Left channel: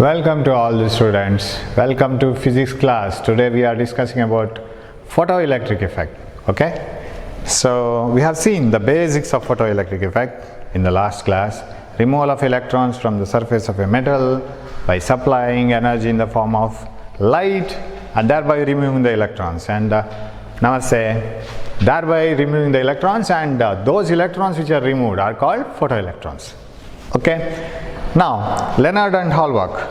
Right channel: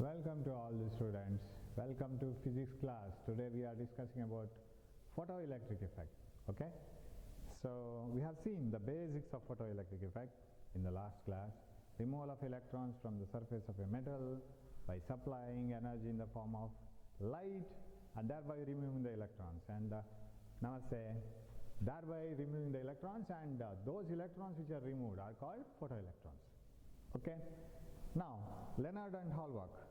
Welcome to all the students. Welcome to physics class. Today we are discussing about photoelectric effect. Okay, so we have seen the basics of photoelectric effect in the last class. Removal of electrons from the surface of a metal by supplying energy in the form of light and thereby removing the electrons. And namaste, thereby removing the electrons, and those electrons which are removed are called photoelectrons. Okay. Now, Leonard and Hallmark,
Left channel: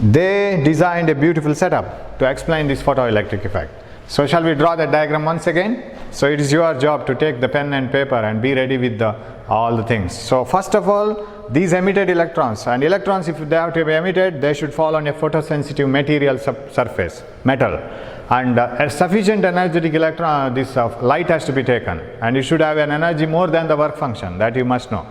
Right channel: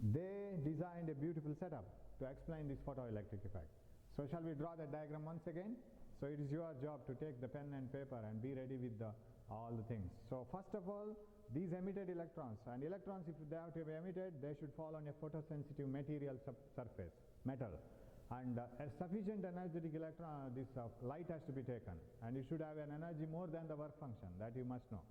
they designed a beautiful setup to explain this photoelectric effect. So, shall we draw that diagram once again? So, it is your job to take the pen and paper and be ready with all the things. So, first of all, these emitted electrons, and electrons, if they have to be emitted, they should fall on a photosensitive material surface, metal. And a sufficient energetic electron, light has to be taken, and it should have an energy more than the work function, that you must know.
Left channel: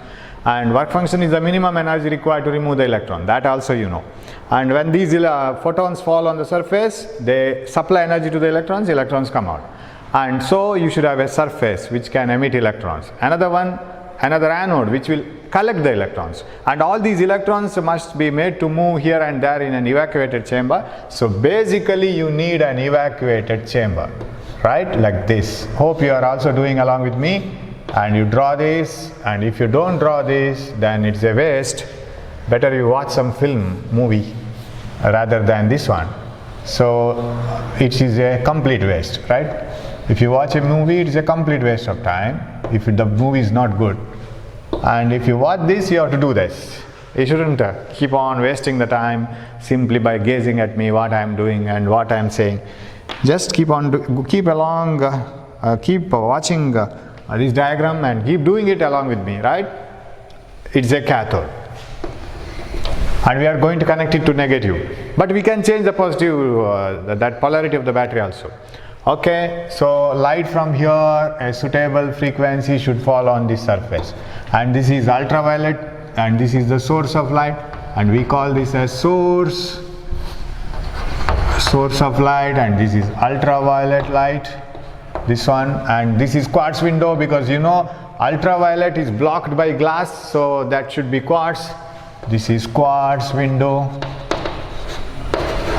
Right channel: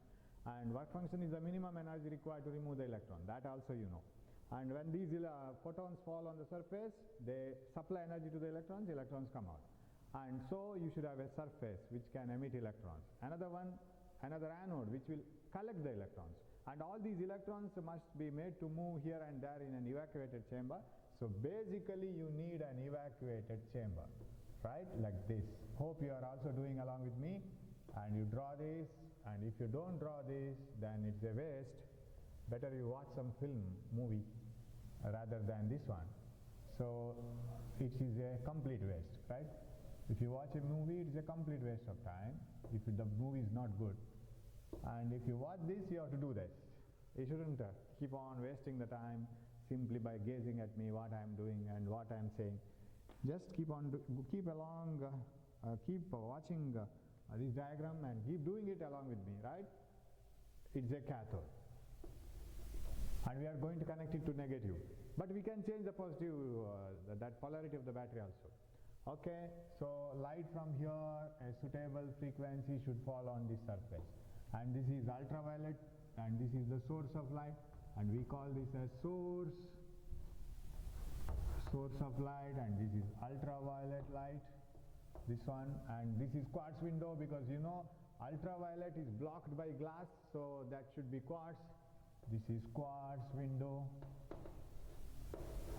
And work function is the minimum energy required to remove the electron, that also you know. And when these photons fall on the surface, they supply energy to the electrons come out. And so you should have a surface which can emit electrons. Another anode which will collect the electrons. And all these electrons must be made to move here and there in an evacuated chamber. So basically you need an evacuated chamber, right? Like this. Hope you are also doing along with me. And you draw this, and if you don't draw this, then it's a waste. Better you watch some movie rather than this one. So it is a complete waste, right? If you watch a movie, it is a complete waste of time if the movie is not good. And if you watch this, you have to do this. You shouldn't keep on wasting the time simply by gazing at me, what I am doing and what I am saying. Just keep watching this diagram and keep doing it along with me, right? It's a cathode, and we are going to connect it to negative, but we can change the positive, that polarity of the battery also. Okay, so light from here, a suitable frequency should fall on this surface, and this is ultraviolet, and this is the source of light, and we call this as source of light, and this is ultraviolet light, this one, and this is quartz window, because you know ultraviolet is blocked by glass, so that should be quartz. This is quartz window,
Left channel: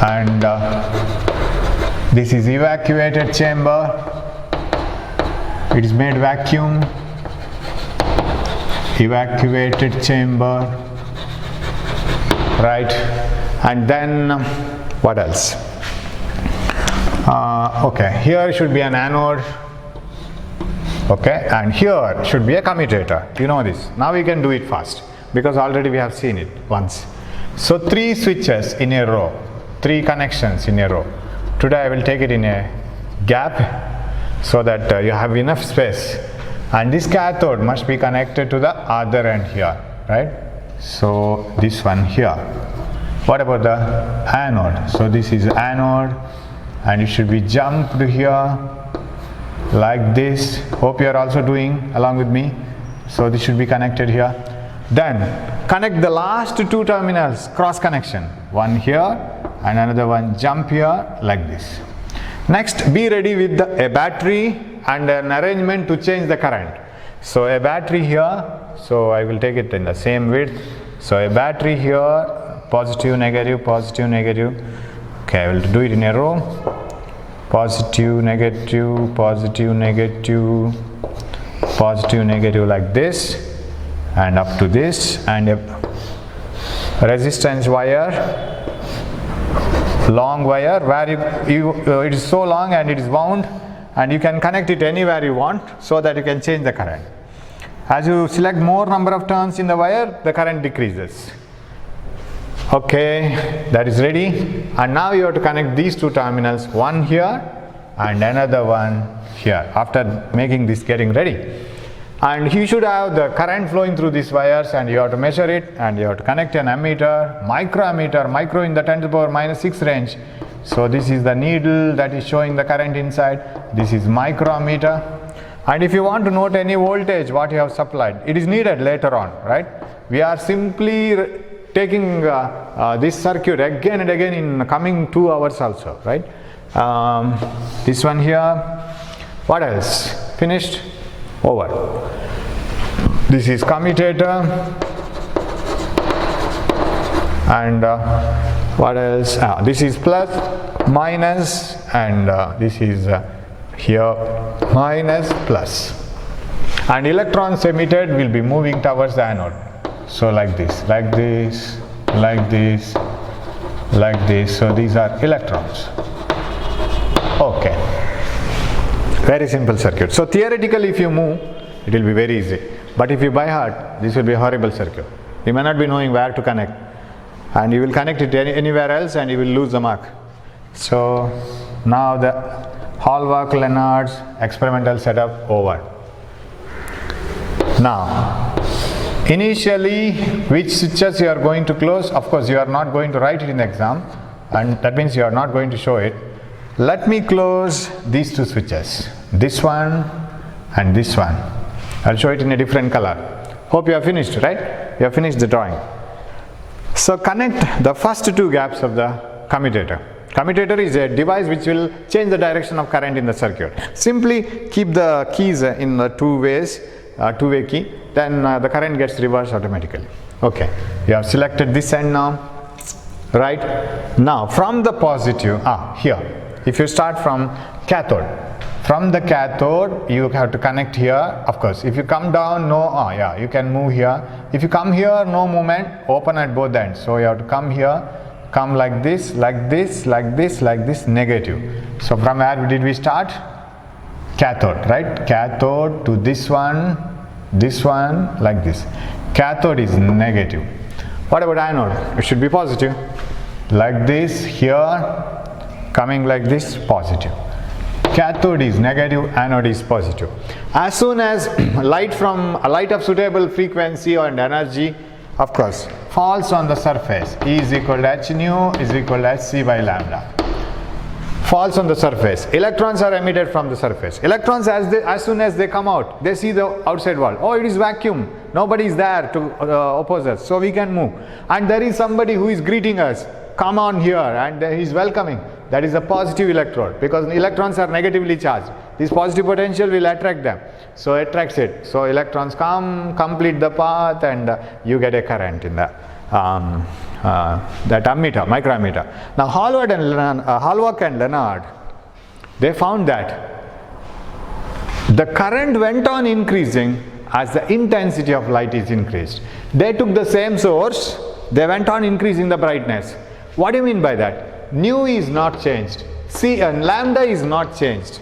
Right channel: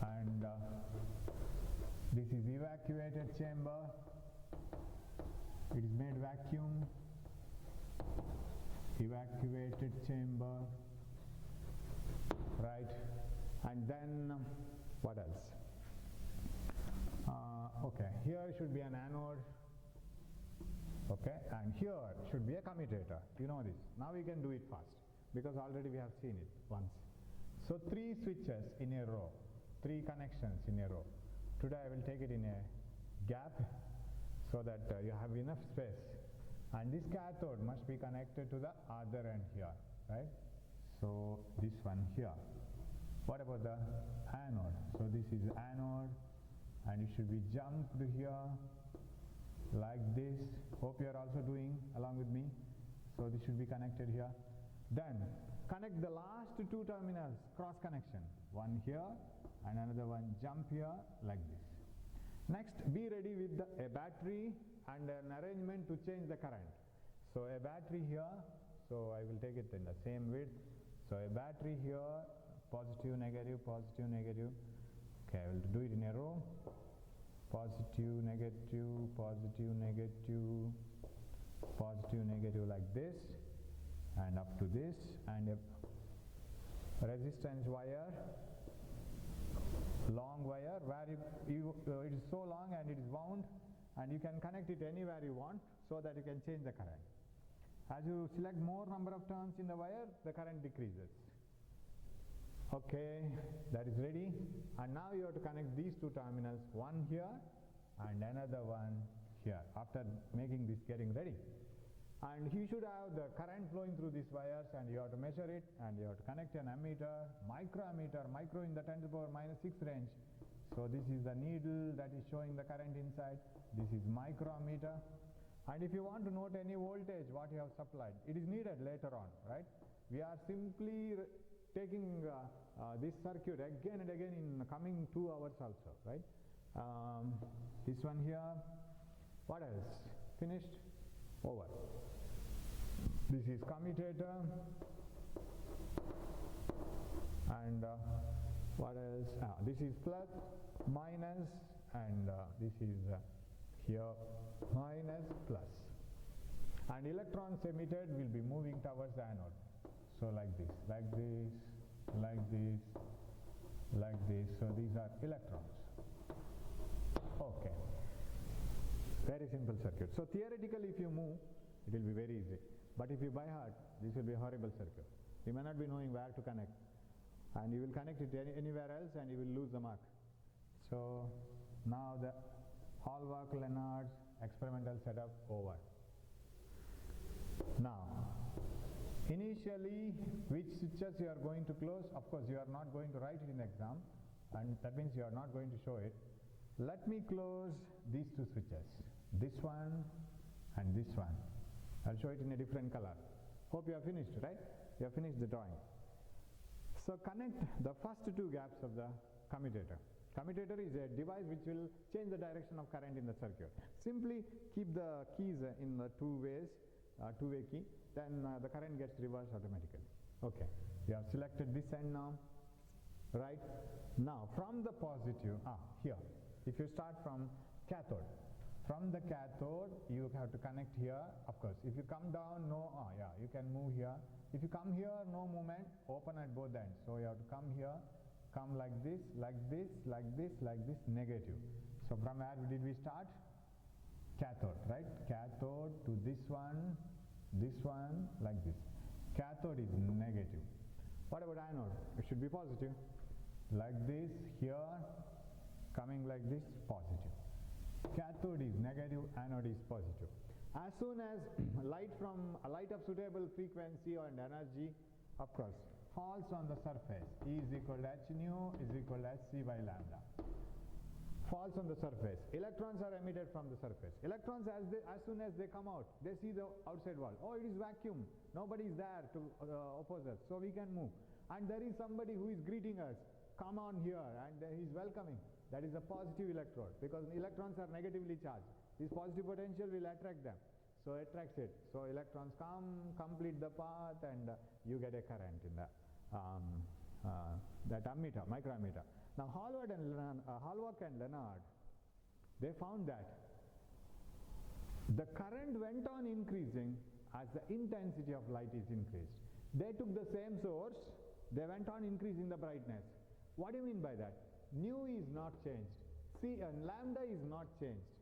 and this is evacuated chamber. It is made vacuum, evacuated chamber, right? And then what else? Okay, here should be an anode, okay, and here should be a commutator. You know this. Now we can do it fast because already we have seen it once. So 3 switches in a row, 3 connections in a row. Today I will take it in a gap so that you have enough space, and this cathode must be connected to the other end here, right? So this one here. What about the anode? So this is anode, and it should be jumped here like this. Hope you are also doing along with me. So this should be connected here. Then connect the last 2 terminals, cross connection, one here and another one jump here like this. Next, be ready with a battery and an arrangement to change the current. So a battery here, so I will take it in the same width. So a battery here, positive, negative, positive, negative. Okay, I will do it in a row. Positive, negative, positive, negative, positive, negative, like this, and up to this, and a resistance wire, long wire, where it is so long and it is wound, and you can connect it anywhere you want so that you can change the current. As you select more number of turns in the wire, the current decreases. Okay, that is ready, and now you have to connect these 2 terminals, one here and another one here, after making this getting ready. And you should have the current flowing through these wires, and you have to measure it, and you have to connect an ammeter, microammeter, micro in the 10 to the power minus 6 range. So this is the needle that is showing the current inside. This is microammeter. And if you want to note any voltage what you have supplied, it is needed later on, right? We are simply taking this circuit again and again in coming 2 hours also, right? This one here. What else? Finished? Over. This is commutator, and what else? This is plus, minus, and this is here minus, plus, and electrons emitted will be moving towards the anode. So like this, like this, like this, like this. So these are electrons. Okay, very simple circuit. So theoretically, if you move, it will be very easy, but if you by heart, this will be a horrible circuit. You may not be knowing where to connect, and you will connect it anywhere else and you will lose the mark. So now the Hallmark-Lennard's experimental setup over. Now initially, which switches you are going to close? Of course you are not going to write it in the exam, and that means you are not going to show it. Let me close these two switches, this one and this one. I'll show it in a different color. Hope you have finished, right? You have finished the drawing. So connect the first two gaps of the commutator. Commutator is a device which will change the direction of current in the circuit. Simply keep the keys in the two-way key, then the current gets reversed automatically. Okay, you have selected this end now, right? Now from the positive, here, if you start from cathode, from the cathode you have to connect here. Of course, if you come down, no, you can move here. If you come here, no movement, open at both ends. So you have to come here, come like this, like this, like this, like this, negative. So from where did we start? Cathode, right? Cathode to this one, like this. Cathode is negative. What about anode? It should be positive. Like this, here, coming like this, positive. Cathode is negative, anode is positive. As soon as light of suitable frequency and energy, of course, falls on the surface, E is equal to h nu is equal to hc by lambda. Falls on the surface. Electrons are emitted from the surface. Electrons, as soon as they come out, they see the outside world. Oh, it is vacuum. Nobody is there to oppose us, so we can move. And there is somebody who is greeting us. Come on here, and he is welcoming. That is a positive electrode, because electrons are negatively charged. This positive potential will attract them, so attracts it. So electrons come, complete the path, and you get a current in the that ammeter, microammeter. Now Hallmark and Lennard, they found that the current went on increasing as the intensity of light is increased. They took the same source, they went on increasing the brightness. What do you mean by that? Nu is not changed, lambda is not changed.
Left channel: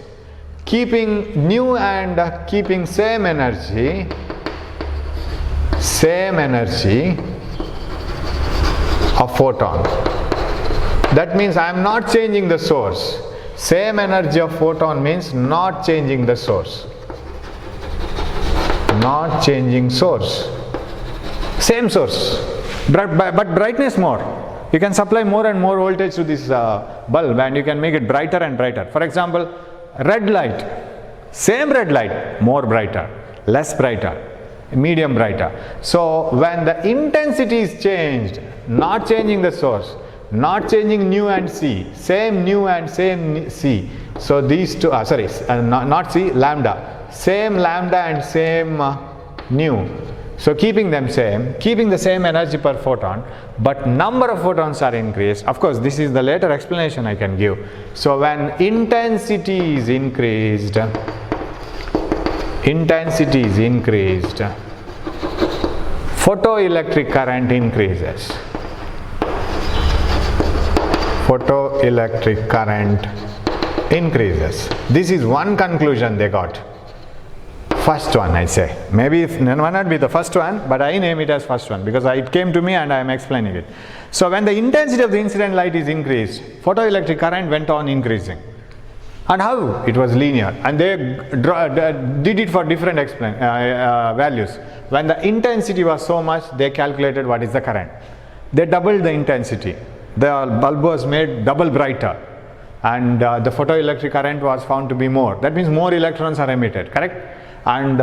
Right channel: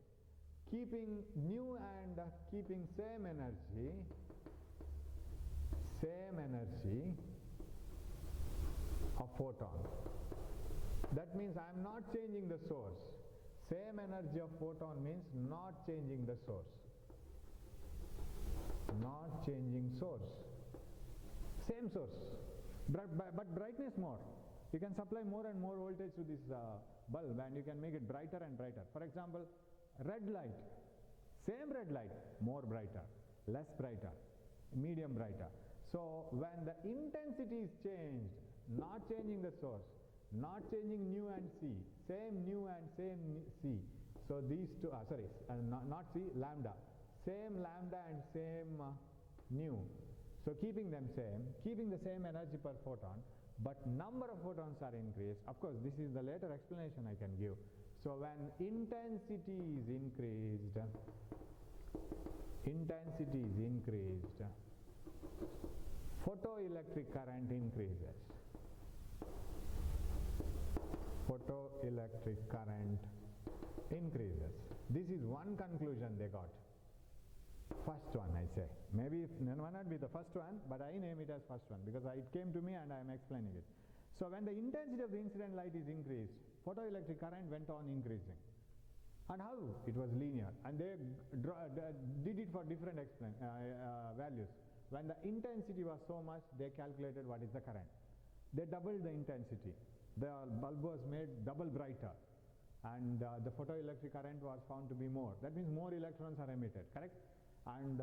Keeping nu and keeping same energy of photon. That means I am not changing the source. Same energy of photon means not changing the source. Not changing source. Same source, but brightness more. You can supply more and more voltage to this bulb, and you can make it brighter and brighter. For example, red light, same red light, more brighter, less brighter, medium brighter. So when the intensity is changed, not changing the source, not changing nu and c, same nu and same c. So these two, not c, lambda, same lambda and same nu. So keeping them same, keeping the same energy per photon, but number of photons are increased. Of course, this is the later explanation I can give. So when intensity is increased, photoelectric current increases. Photoelectric current increases. This is one conclusion they got. First one, I say. Maybe it may not be the first one, but I name it as first one because it came to me and I am explaining it. So when the intensity of the incident light is increased, photoelectric current went on increasing. And how? It was linear, and they did it for different values. When the intensity was so much, they calculated what is the current. They doubled the intensity. The bulb was made double brighter, and the photoelectric current was found to be more. That means more electrons are emitted, correct? And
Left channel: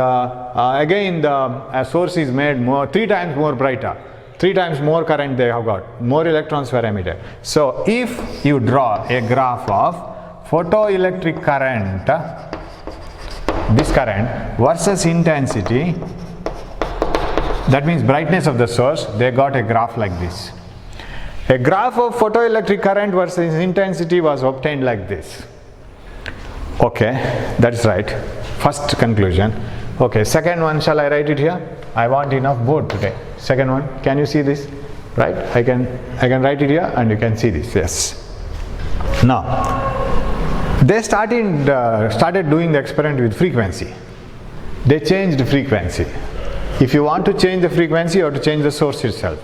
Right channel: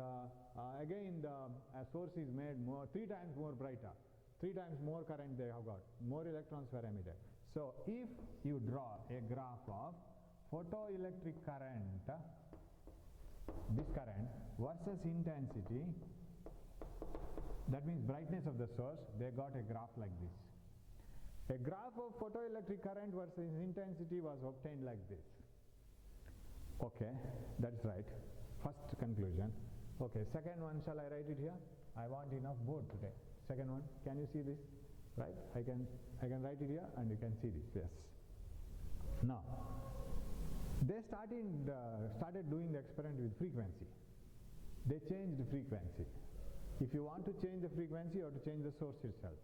again the source is made 3 times more brighter, 3 times more current they have got, more electrons were emitted. So if you draw a graph of photoelectric current, this current versus intensity, that means brightness of the source, they got a graph like this. A graph of photoelectric current versus intensity was obtained like this. Okay, that's right. First conclusion. Okay, second one, shall I write it here? I want enough board today. Second one, can you see this? Right? I can write it here and you can see this. Yes. Now, they started doing the experiment with frequency. They changed the frequency. If you want to change the frequency, you have to change the source itself.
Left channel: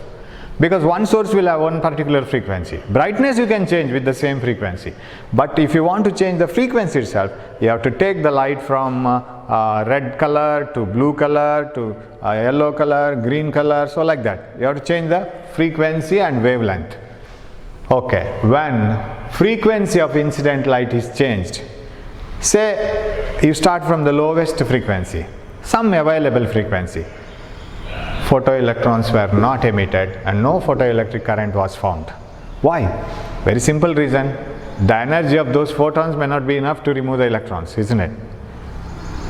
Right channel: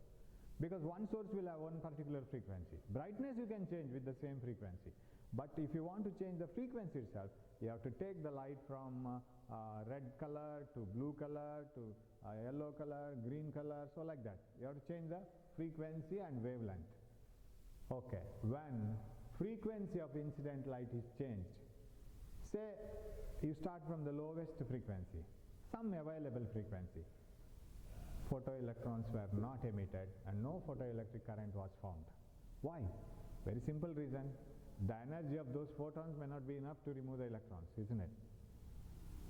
Because one source will have one particular frequency. Brightness you can change with the same frequency. But if you want to change the frequency itself, you have to take the light from red color to blue color to yellow color, green color, so like that. You have to change the frequency and wavelength. Okay, when frequency of incident light is changed, say you start from the lowest frequency, some available frequency, photoelectrons were not emitted and no photoelectric current was found. Why? Very simple reason. The energy of those photons may not be enough to remove the electrons, isn't it?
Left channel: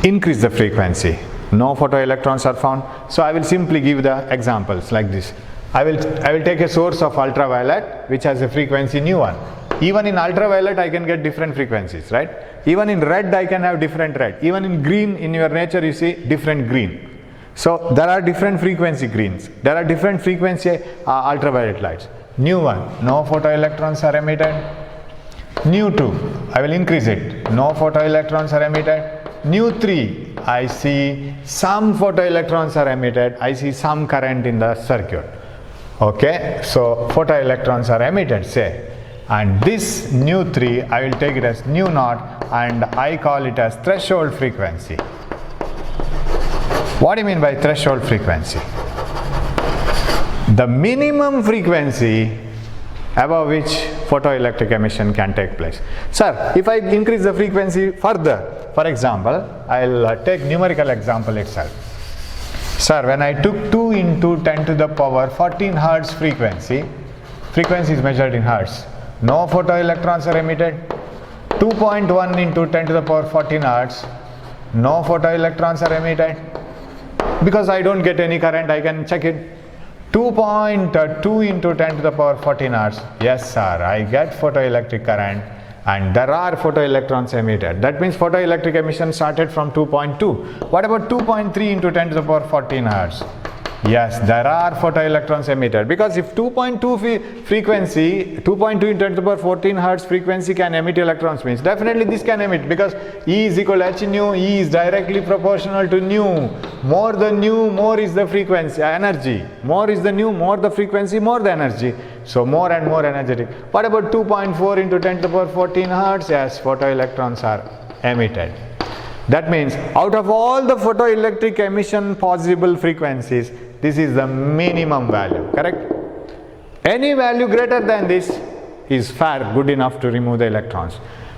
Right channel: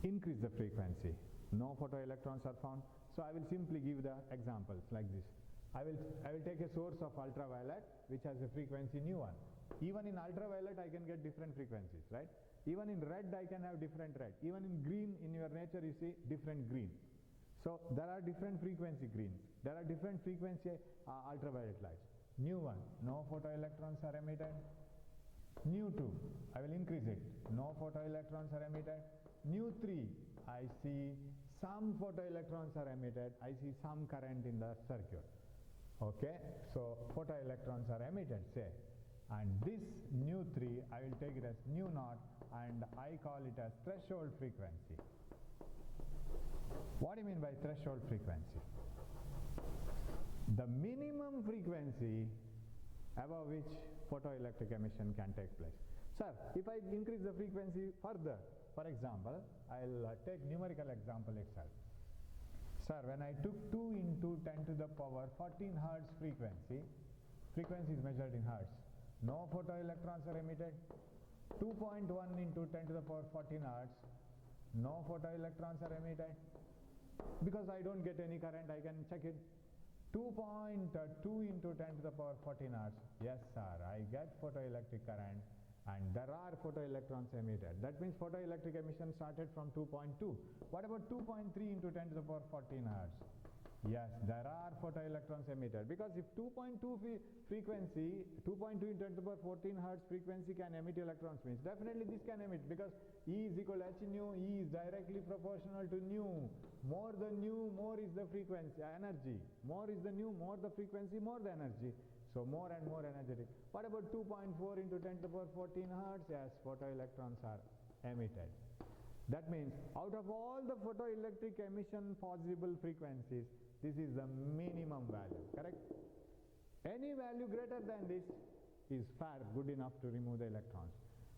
Increase the frequency. No photoelectrons are found. So I will simply give the examples like this. I will take a source of ultraviolet which has a frequency nu1. Even in ultraviolet I can get different frequencies, right? Even in red I can have different red. Even in green, in your nature you see different green. So there are different frequency greens. There are different frequency ultraviolet lights. nu1, no photoelectrons are emitted. nu2, I will increase it. No photoelectrons are emitted. nu3, I see some photoelectrons are emitted. I see some current in the circuit. Okay, so photoelectrons are emitted, say. And this nu3, I will take it as nu0 and I call it as threshold frequency. What do you mean by threshold frequency? The minimum frequency above which photoelectric emission can take place. Sir, if I increase the frequency further, for example, I'll take numerical example itself. Sir, when I took 2 into 10 to the power 14 Hertz frequency is measured in Hertz, no photoelectrons are emitted. 2.1 into 10 to the power 14 Hertz, no photoelectrons are emitted. Because I don't get any current, I can check it. 2.2 into 10 to the power 14 Hertz. Yes sir, I get photoelectric current and there are photoelectrons emitted. That means photoelectric emission started from 2.2. What about 2.3 into 10 to the power 14 Hertz? Yes, there are photoelectrons emitted, because if 2.2 frequency, 2.2 into 10 to the power 14 Hertz frequency can emit electrons, means definitely this can emit, because E is equal to h nu. E is directly proportional to nu. More the nu, more is the frequency, energy. More is the nu, more the frequency, more the energy. So more and more energetic. What about 2.4 into 10 to the power 14 Hertz? Yes, photoelectrons are emitted. That means out of all the photoelectric emission possible frequencies, this is the minimum value, correct? Any value greater than this is fair, good enough to remove the electrons.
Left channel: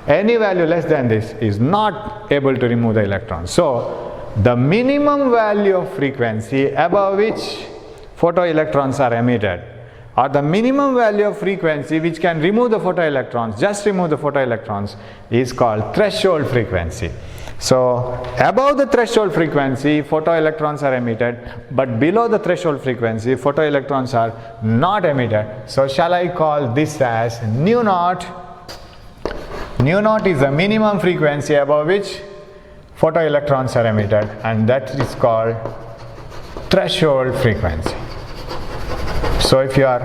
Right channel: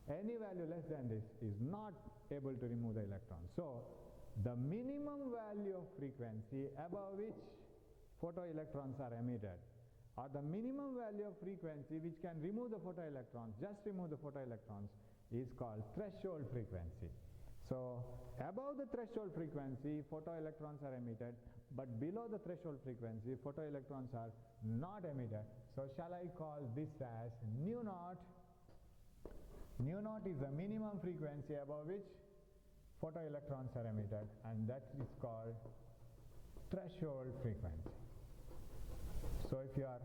Any value less than this is not able to remove the electrons. So the minimum value of frequency above which photoelectrons are emitted, or the minimum value of frequency which can remove the photoelectrons, just remove the photoelectrons, is called threshold frequency. So above the threshold frequency, photoelectrons are emitted, but below the threshold frequency, photoelectrons are not emitted. So shall I call this as nu naught? Nu naught is the minimum frequency above which photoelectrons are emitted, and that is called threshold frequency. So if you are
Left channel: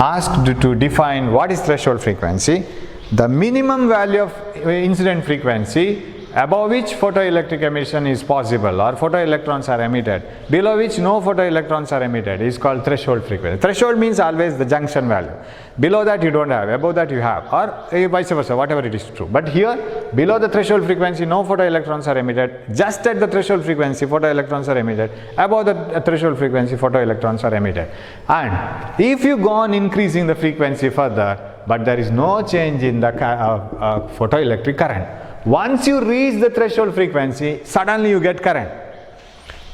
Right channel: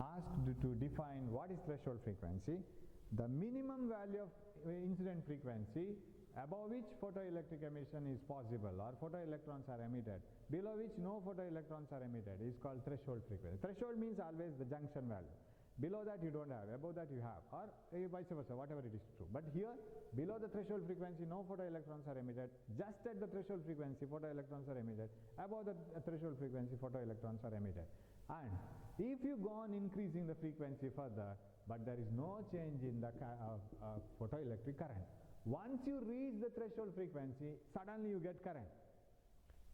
asked to define what is threshold frequency, the minimum value of incident frequency above which photoelectric emission is possible, or photoelectrons are emitted, below which no photoelectrons are emitted, is called threshold frequency. Threshold means always the junction value. Below that you don't have, above that you have, or vice versa, whatever it is true. But here, below the threshold frequency, no photoelectrons are emitted. Just at the threshold frequency, photoelectrons are emitted. Above the threshold frequency, photoelectrons are emitted. And if you go on increasing the frequency further, but there is no change in the photoelectric current, once you reach the threshold frequency, suddenly you get current.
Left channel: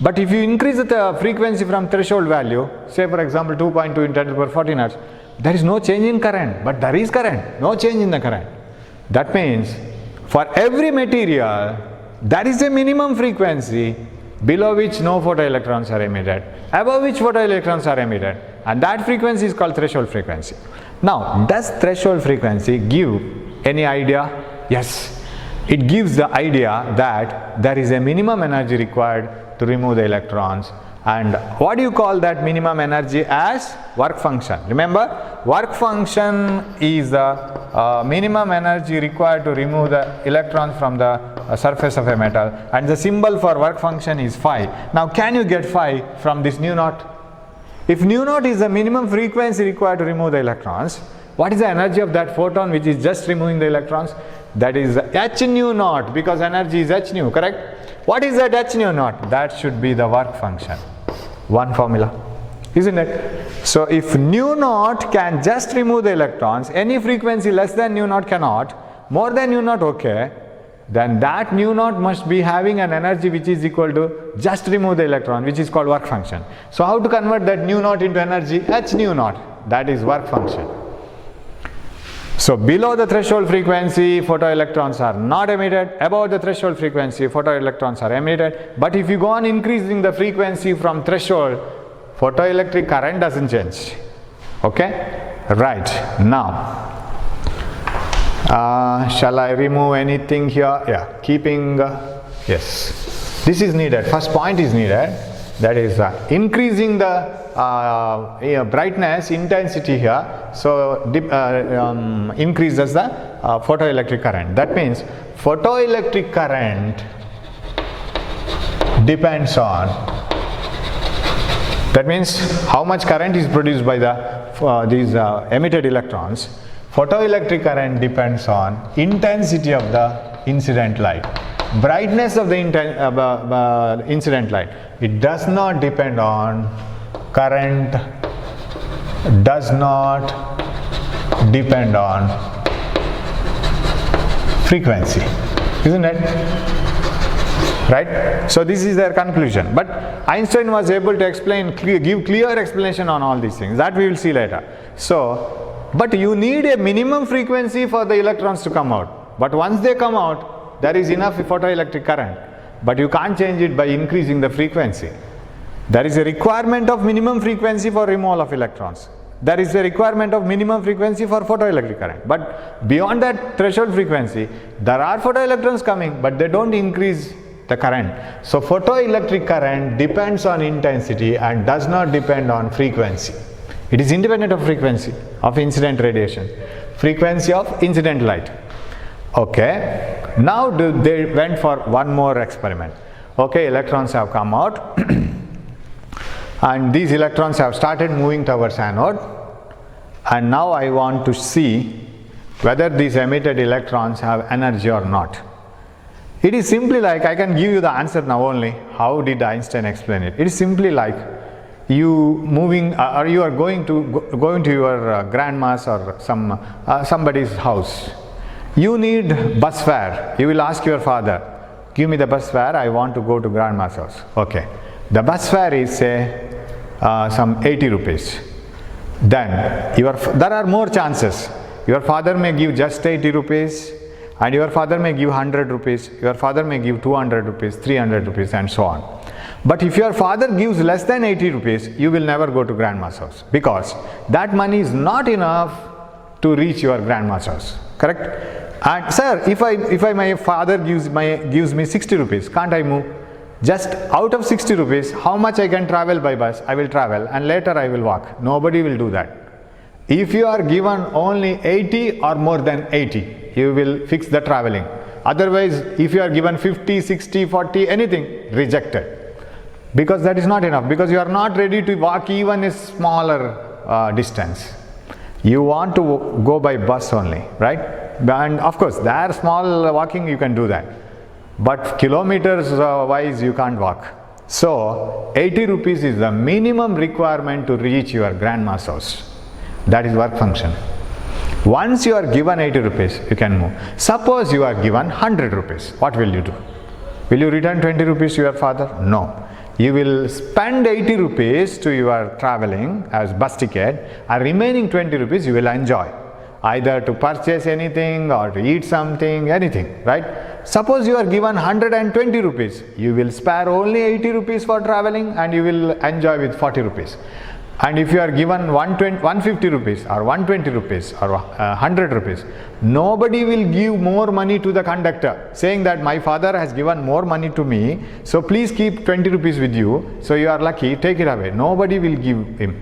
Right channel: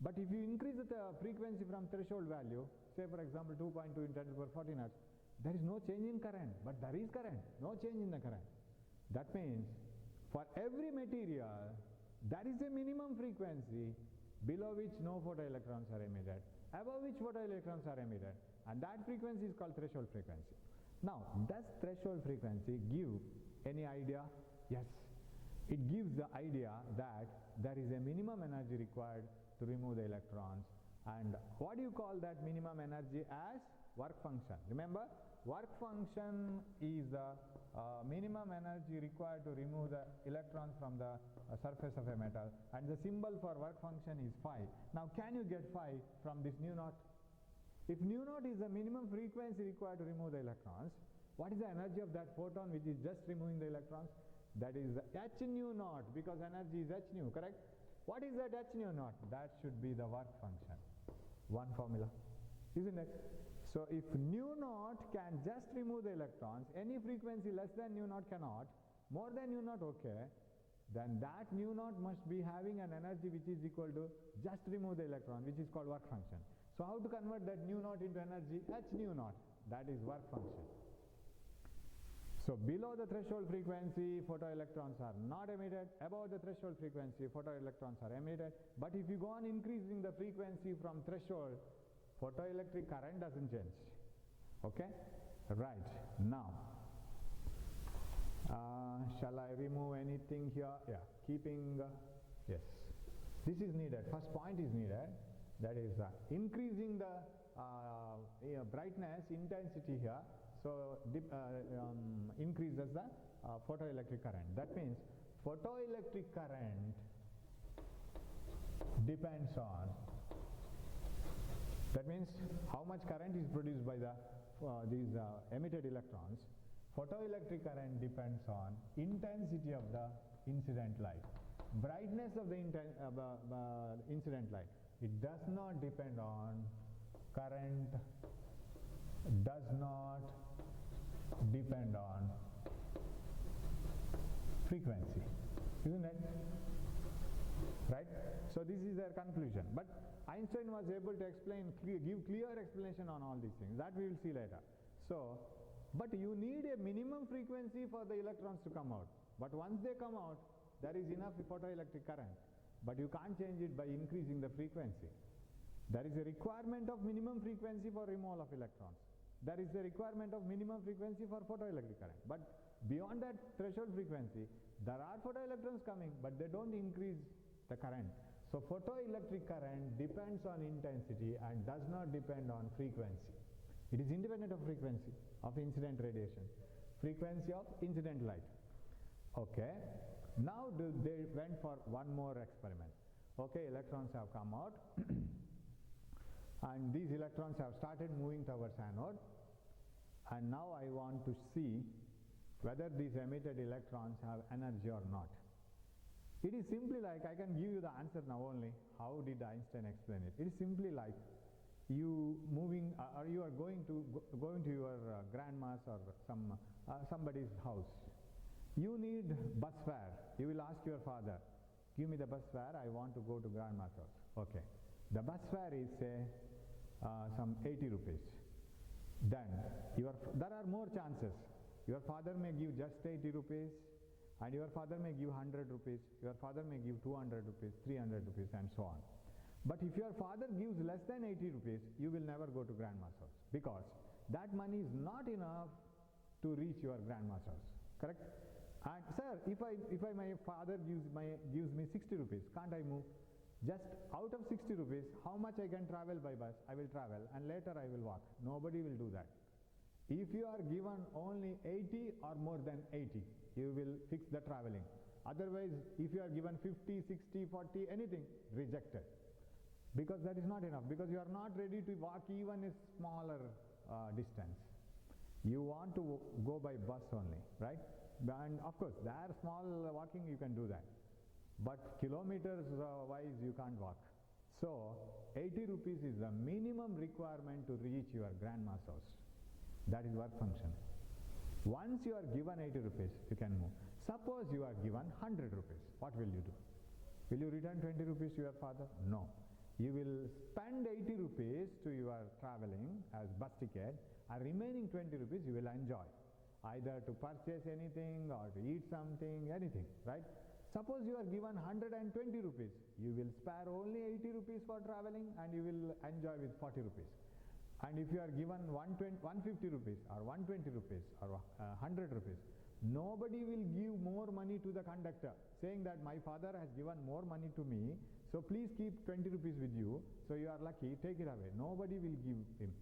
But if you increase the frequency from threshold value, say for example 2.2 into 10 to the power 14 Hertz, there is no change in current, but there is current, no change in the current. That means for every material, there is a minimum frequency below which no photoelectrons are emitted, above which photoelectrons are emitted. and that frequency is called threshold frequency. Now, does threshold frequency give any idea? Yes, it gives the idea that there is a minimum energy required to remove the electrons. And what do you call that minimum energy? As work function. Remember, work function is the minimum energy required to remove the electrons from the surface of a metal, and the symbol for work function is phi. Now, can you get phi from this nu naught? If nu naught is the minimum frequency required to remove the electrons, what is the energy of that photon which is just removing the electrons? That is h nu naught, because energy is h nu, correct? What is that h nu naught? That should be the work function. One formula, isn't it? So if nu naught can just remove the electrons, any frequency less than nu naught cannot, more than nu naught okay, then that nu naught must be having an energy which is equal to just remove the electron, which is called work function. So how to convert that nu naught into energy? H nu naught, that is work function. So below the threshold frequency, photoelectrons are not emitted. Above the threshold frequency, photoelectrons are emitted. But if you go on increasing the frequency from threshold, photoelectric current doesn't change. Okay? Right. Now, shall I remove anything here? Yeah, keeping, yes. This is needed. First point is needed. That is increasing the brightness intensity here, so increases the photoelectric current. That means photoelectric current depends on, that means how much current is produced by the these emitted electrons. Photoelectric current depends on intensity of the incident light, brightness of the incident light. It does not depend on current, does not depend on frequency, isn't it? Right? So this is their conclusion. But Einstein was able to explain, give clear explanation on all these things. That we will see later. So, but you need a minimum frequency for the electrons to come out. But once they come out, there is enough photoelectric current. But you can't change it by increasing the frequency. There is a requirement of minimum frequency for removal of electrons. There is a requirement of minimum frequency for photoelectric current. But beyond that threshold frequency, there are photoelectrons coming, but they don't increase the current. So photoelectric current depends on intensity and does not depend on frequency. It is independent of frequency of incident radiation, frequency of incident light. Okay, now they went for one more experiment. Okay, electrons have come out and these electrons have started moving towards anode, and now I want to see whether these emitted electrons have energy or not. It is simply like, I can give you the answer now only. How did Einstein explain it? It is simply like you moving or you are going to your grandma's or somebody's house. You need bus fare. You will ask your father, give me the bus fare, I want to go to grandma's house. Okay. The bus fare is say some 80 rupees. Then there are more chances. Your father may give just 80 rupees and your father may give 100 rupees. Your father may give 200 rupees, 300 rupees and so on. But if your father gives less than 80 rupees, you will never go to grandma's house because that money is not enough to reach your grandma's house. Correct? And sir, if my father gives me 60 rupees, can't I move? Just out of 60 rupees, how much I can travel by bus? I will travel and later I will walk. Nobody will do that. If you are given only 80 or more than 80, you will fix the traveling. Otherwise, if you are given 50, 60, 40, anything, rejected. Because that is not enough. Because you are not ready to walk even a smaller distance. You want to go by bus only, right? And of course, there small walking you can do that. But kilometers wise you can't walk. So 80 rupees is the minimum requirement to reach your grandma's house. That is work function. Once you are given 80 rupees, you can move. Suppose you are given 100 rupees. What will you do? Will you return 20 rupees to your father? No. You will spend 80 rupees to your traveling as bus ticket, and remaining 20 rupees you will enjoy. Either to purchase anything or to eat something, anything, right? Suppose you are given 120 rupees. You will spare only 80 rupees for traveling and you will enjoy with 40 rupees. And if you are given 150 rupees or 120 rupees or 100 rupees, nobody will give more money to the conductor saying that my father has given more money to me, so please keep 20 rupees with you, so you are lucky, take it away. Nobody will give him.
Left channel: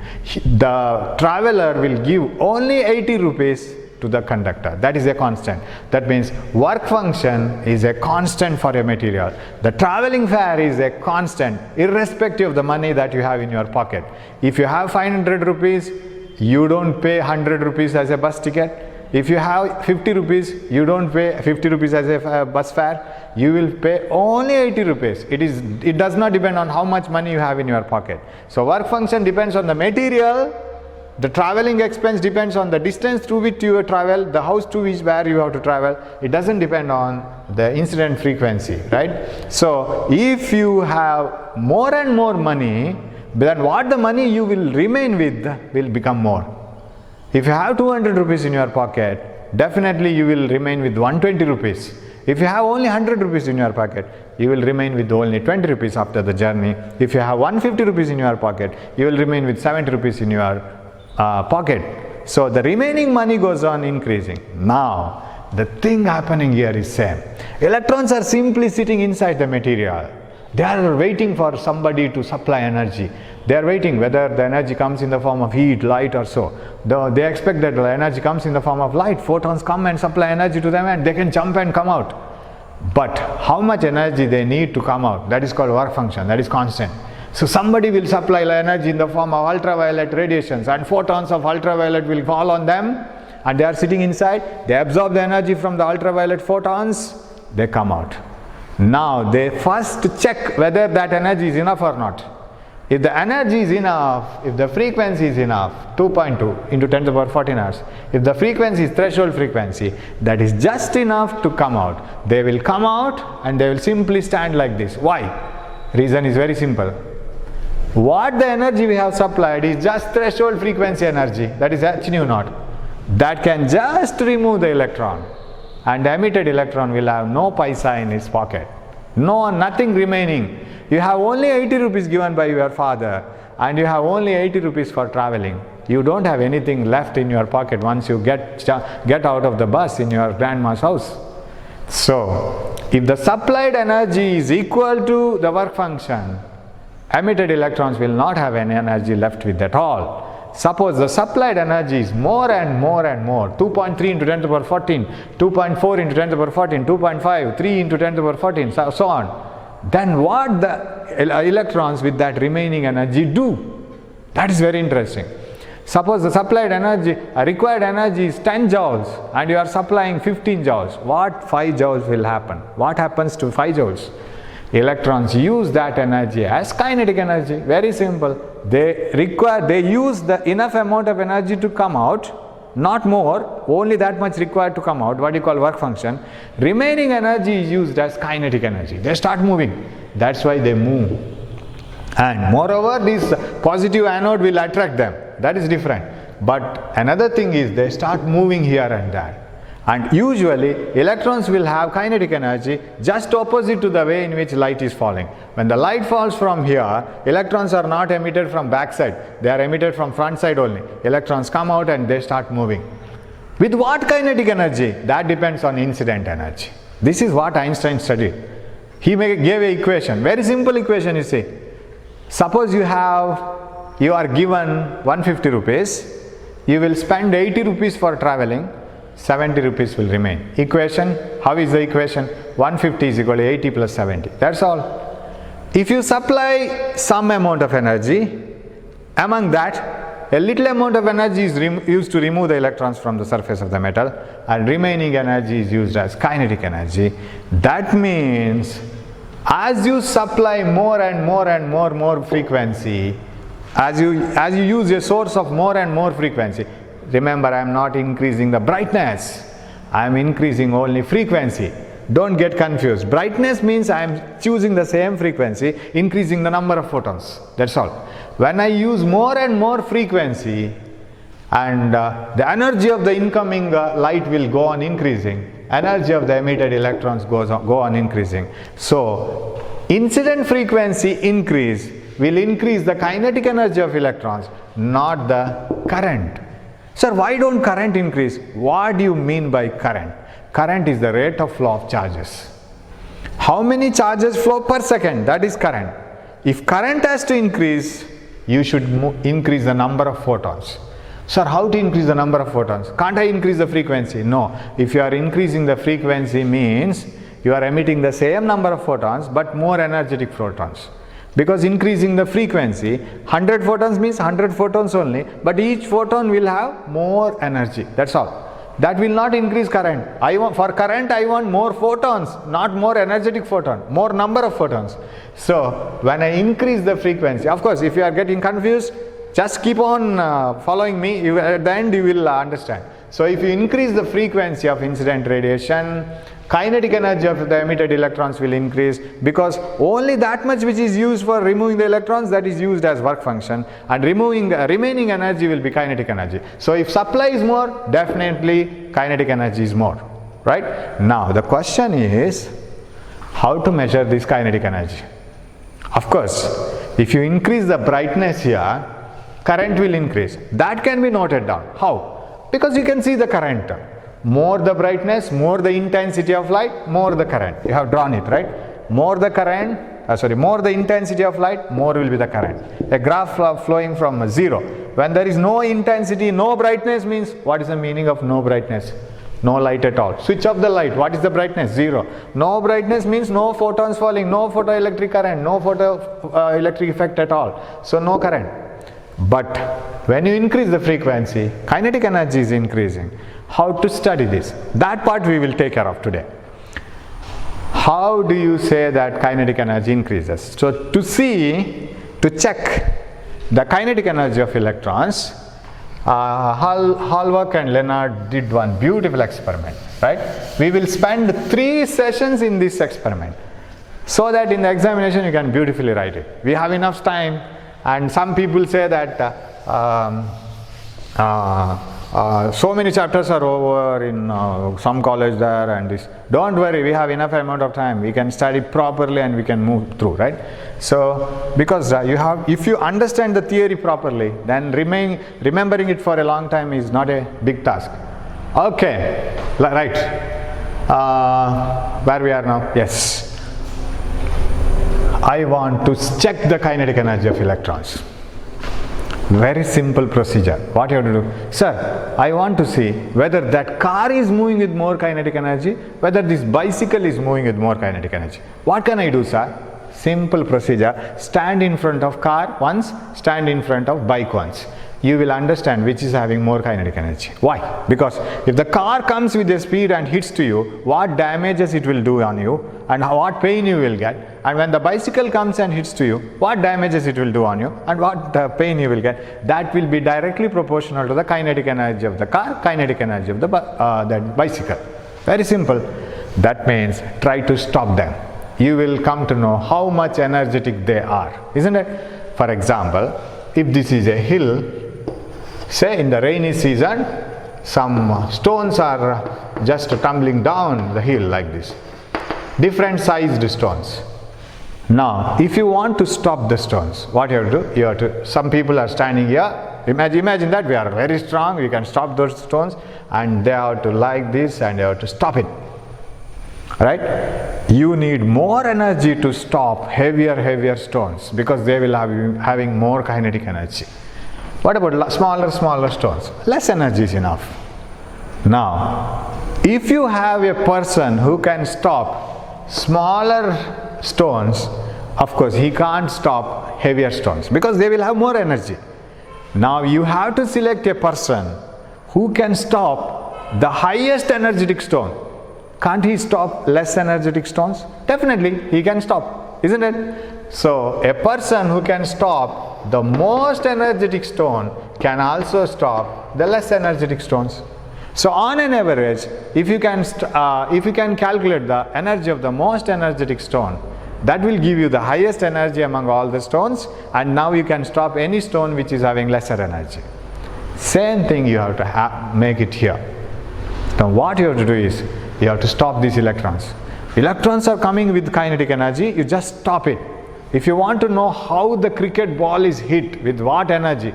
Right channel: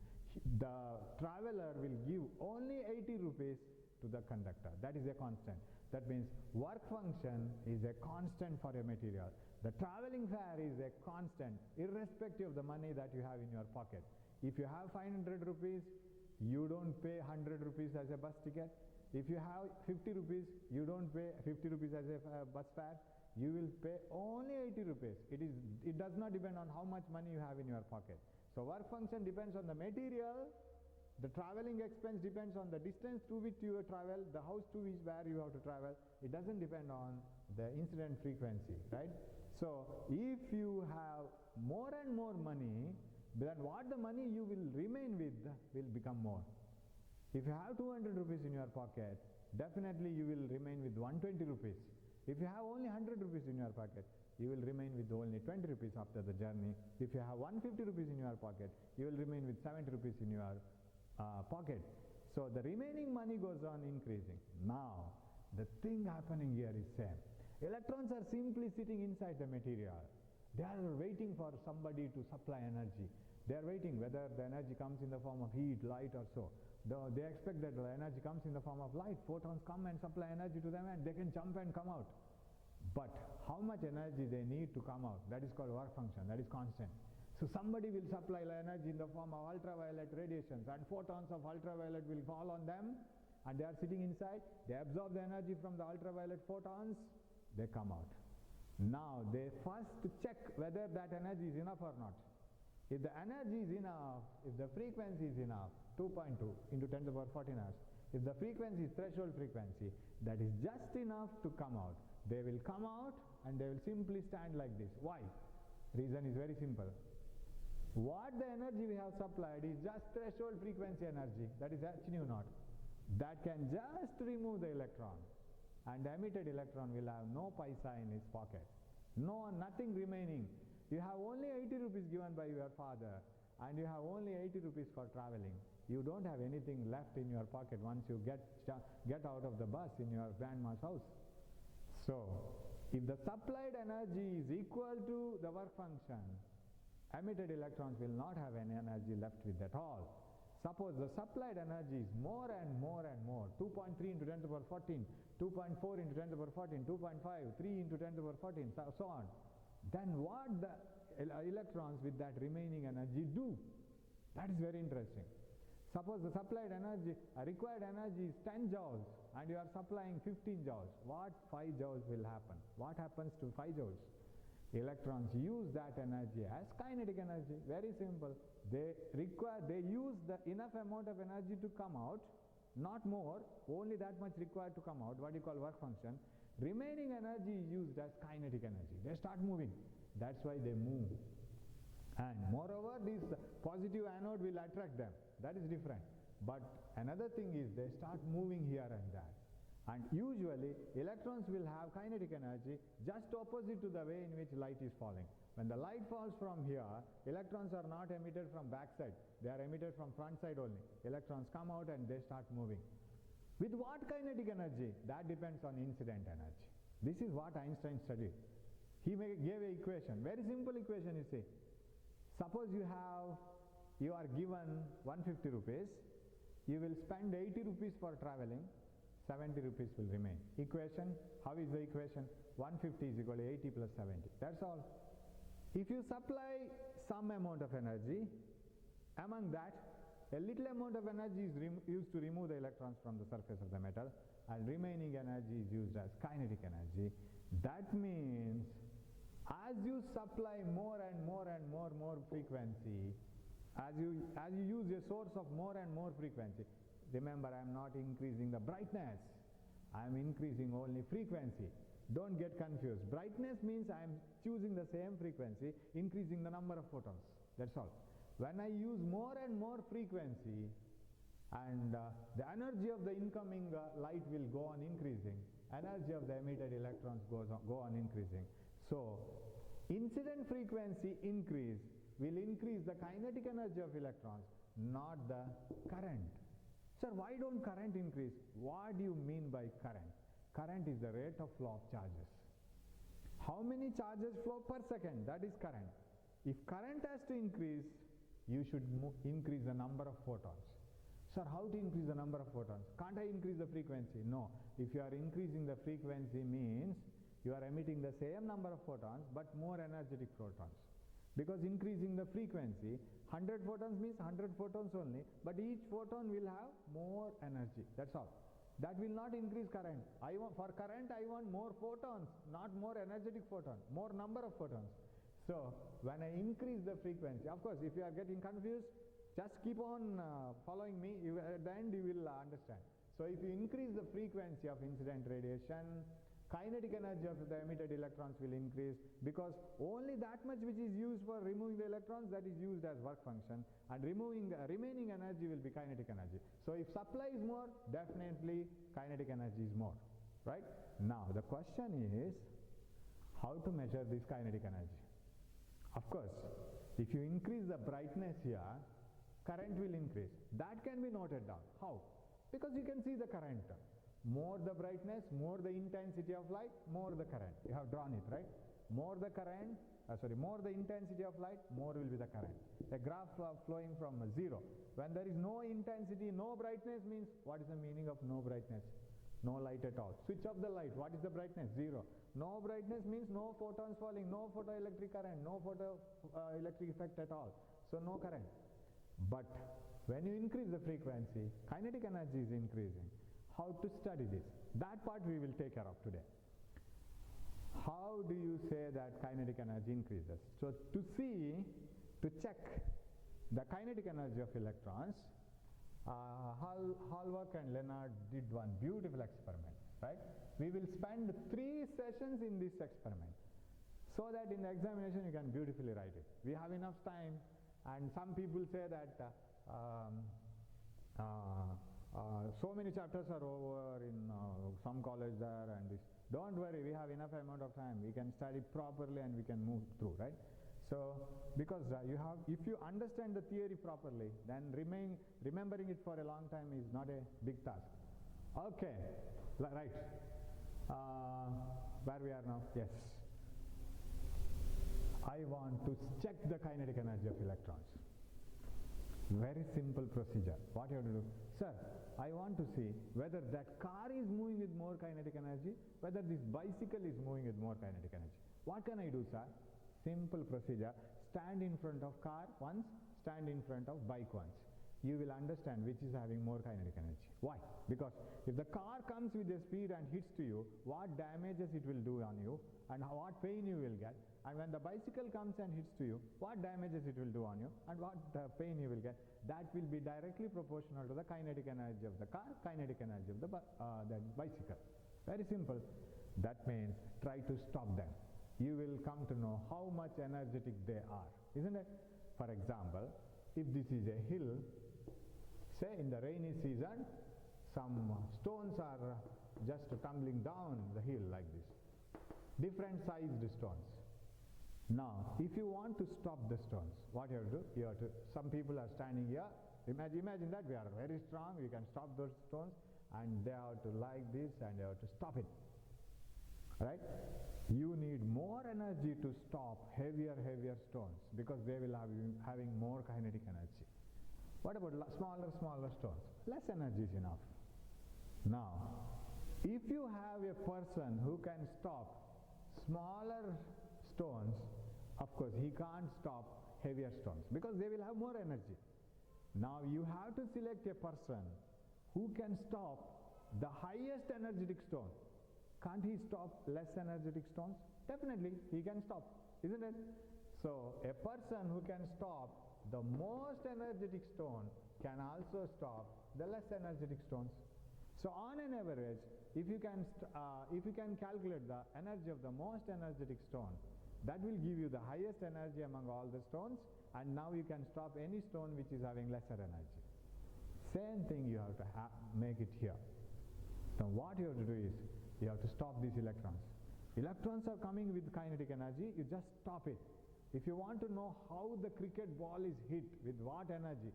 The traveler will give only 80 rupees to the conductor. That is a constant. That means work function is a constant for a material. The traveling fare is a constant irrespective of the money that you have in your pocket. If you have 500 rupees, you don't pay 100 rupees as a bus ticket. If you have 50 rupees, you don't pay 50 rupees as a bus fare. You will pay only 80 rupees. It does not depend on how much money you have in your pocket. So work function depends on the material. The traveling expense depends on the distance through which you travel, the house to which where you have to travel. It doesn't depend on the incident frequency, right? So if you have more and more money, then what the money you will remain with will become more. If you have 200 rupees in your pocket, definitely you will remain with 120 rupees. If you have only 100 rupees in your pocket, you will remain with only 20 rupees after the journey. If you have 150 rupees in your pocket, you will remain with 70 rupees in your pocket. So the remaining money goes on increasing. Now the thing happening here is same. Electrons are simply sitting inside the material. They are waiting for somebody to supply energy. They are waiting whether the energy comes in the form of heat, light or so. They expect that the energy comes in the form of light. Photons come and supply energy to them and they can jump and come out. But how much energy they need to come out, that is called work function, that is constant. So somebody will supply energy in the form of ultraviolet radiations, and photons of ultraviolet will fall on them, and they are sitting inside. They absorb the energy from the ultraviolet photons, they come out. Now they first check whether that energy is enough or not. If the energy is enough, if the frequency is enough, 2.2 into 10 to the power 14 hours, if the frequency is threshold frequency, that is just enough to come out. They will come out and they will simply stand like this. Why? Reason is very simple. What the energy we have supplied is just threshold frequency energy, that is h nu naught. That can just remove the electron, and the emitted electron will have no paisa in its pocket. Nothing remaining. You have only 80 rupees given by your father, and you have only 80 rupees for traveling. You don't have anything left in your pocket once you get out of the bus in your grandma's house. So, if the supplied energy is equal to the work function, emitted electrons will not have any energy left with at all. Suppose the supplied energy is more and more and more, 2.3 into 10 to the power 14, 2.4 into 10 to the power 14, 2.5, 3 into 10 to the power 14, so on. Then what the electrons with that remaining energy do? That is very interesting. Suppose the supplied energy, required energy is 10 joules and you are supplying 15 joules. What 5 joules will happen? What happens to 5 joules? Electrons use that energy as kinetic energy. Very simple. They use the enough amount of energy to come out, not more, only that much required to come out, what you call work function. Remaining energy is used as kinetic energy. They start moving. That's why they move. And moreover, this positive anode will attract them. That is different. But another thing is they start moving here and there. And usually electrons will have kinetic energy just opposite to the way in which light is falling. When the light falls from here, electrons are not emitted from back side, they are emitted from front side only. Electrons come out and they start moving. With what kinetic energy? That depends on incident energy. This is what Einstein studied. He gave an equation, very simple equation you see. Suppose you are given 150 rupees, you will spend 80 rupees for traveling, 70 rupees will remain. Equation, how is the equation? 150 is equal to 80 plus 70. That's all. If you supply some amount of energy, among that, a little amount of energy is used to remove the electrons from the surface of the metal, and remaining energy is used as kinetic energy. That means, as you supply more and more and more frequency, as you use a source of more and more frequency, remember, I am not increasing the brightness, I am increasing only frequency. Don't get confused. Brightness means I am choosing the same frequency, increasing the number of photons. That's all. When I use more and more frequency, and the energy of the incoming light will go on increasing, energy of the emitted electrons go on increasing. So, incident frequency increase will increase the kinetic energy of electrons, not the current. Sir, why don't current increase? What do you mean by current? Current is the rate of flow of charges. How many charges flow per second? That is current. If current has to increase, you should increase the number of photons. Sir, how to increase the number of photons? Can't I increase the frequency? No. If you are increasing the frequency means you are emitting the same number of photons but more energetic photons. Because increasing the frequency, 100 photons means 100 photons only, but each photon will have more energy. That's all. That will not increase current. For current, I want more photons, not more energetic photon, more number of photons. So when I increase the frequency, of course, if you are getting confused, just keep on following me. At the end, you will understand. So if you increase the frequency of incident radiation, kinetic energy of the emitted electrons will increase, because only that much which is used for removing the electrons, that is used as work function, and removing the remaining energy will be kinetic energy. So if supply is more, definitely kinetic energy is more, right? Now the question is how to measure this kinetic energy. Of course, if you increase the brightness here, current will increase. That can be noted down. How? Because you can see the current. More the brightness, more the intensity of light, more the current. You have drawn it, right? More the current, more the intensity of light, more will be the current. A graph flowing from 0. When there is no intensity, no brightness means, what is the meaning of no brightness? No light at all. Switch off the light. What is the brightness? 0. No brightness means no photons falling, no photoelectric current, no photoelectric effect at all. So no current. But when you increase the frequency, kinetic energy is increasing. How to study this? That part we will take care of today. How do you say that kinetic energy increases? So to check the kinetic energy of electrons, Hallwork and Leonard did one beautiful experiment, right? We will spend 3 sessions in this experiment so that in the examination you can beautifully write it. We have enough time, and some people say that so many chapters are over in some college there and this. Don't worry, we have enough amount of time. We can study properly and we can move through, right? So because if you understand the theory properly, then remembering it for a long time is not a big task. Okay, right. Where we are now? Yes. I want to check the kinetic energy of electrons. Very simple procedure. What you have to do? Sir, I want to see whether that car is moving with more kinetic energy, whether this bicycle is moving with more kinetic energy. What can I do, sir? Simple procedure. Stand in front of car once, stand in front of bike once. You will understand which is having more kinetic energy. Why? Because if the car comes with a speed and hits to you, what damages it will do on you and what pain you will get. And when the bicycle comes and hits to you, what damages it will do on you and what the pain you will get. That will be directly proportional to the kinetic energy of the car, kinetic energy of the that bicycle. Very simple. That means try to stop them. You will come to know how much energetic they are, isn't it? For example, if this is a hill, say in the rainy season, some stones are just tumbling down the hill like this. Different sized stones. Now, if you want to stop the stones, what you have to do? You have to, some people are standing here. Imagine that we are very strong, we can stop those stones, and they have to like this and they have to stop it. Right? You need more energy to stop heavier stones because they will have having more kinetic energy. What about smaller stones? Less energy is enough. Now, if you have a person who can stop smaller stones, of course he can't stop heavier stones because they will have more energy. Now you have to select a person who can stop the highest energetic stone. Can't he stop less energetic stones? Definitely he can stop, isn't it? So a person who can stop the most energetic stone can also stop the less energetic stones. So on an average, if you can calculate the energy of the most energetic stone, that will give you the highest energy among all the stones, and now you can stop any stone which is having lesser energy. Same thing you have to make it here. Now what you have to do is, you have to stop these electrons. Electrons are coming with kinetic energy, you just stop it. If you want to know how the cricket ball is hit, with what energy,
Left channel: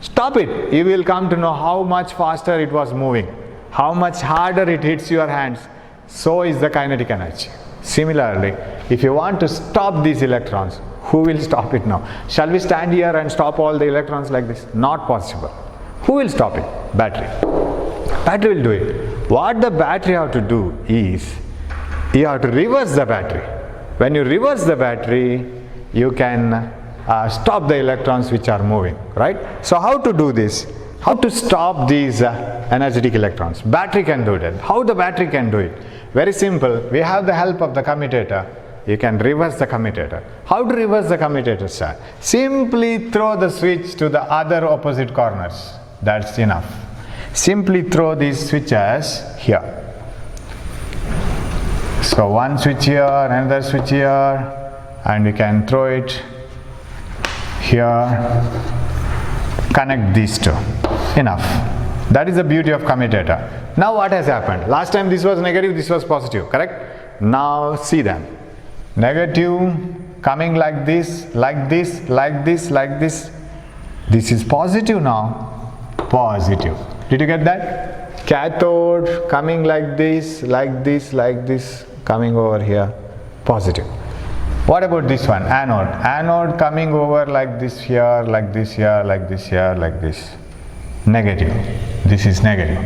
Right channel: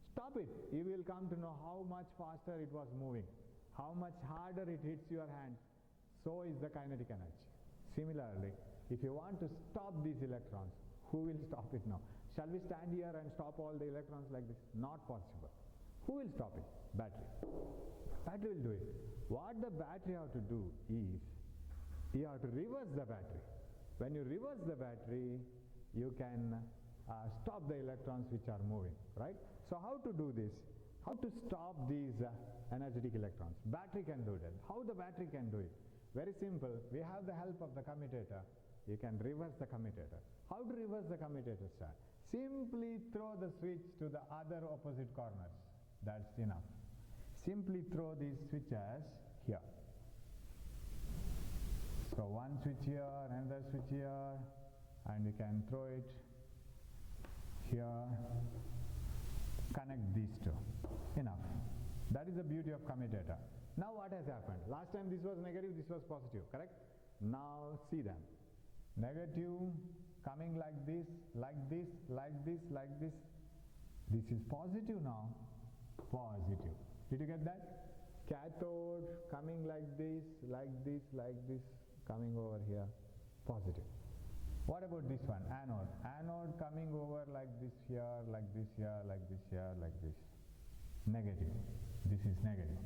stop it. You will come to know how much faster it was moving, how much harder it hits your hands. So is the kinetic energy. Similarly, if you want to stop these electrons, who will stop it now? Shall we stand here and stop all the electrons like this? Not possible. Who will stop it? Battery. Battery will do it. What the battery have to do is, you have to reverse the battery. When you reverse the battery, you can stop the electrons which are moving, right? So how to do this? How to stop these energetic electrons? Battery can do that. How the battery can do it? Very simple. We have the help of the commutator. You can reverse the commutator. How to reverse the commutator, sir? Simply throw the switch to the other opposite corners. That's enough. Simply throw these switches here. So one switch here, another switch here, and you can throw it here. Connect these two. Enough. That is the beauty of commutator. Now what has happened? Last time this was negative, this was positive, correct? Now see them. Negative coming like this, like this, like this, like this. This is positive now. Positive. Did you get that? Cathode coming like this, like this, like this, coming over here. Positive. What about this one? Anode. Anode coming over like this here, like this here, like this here, like this. Negative. This is negative.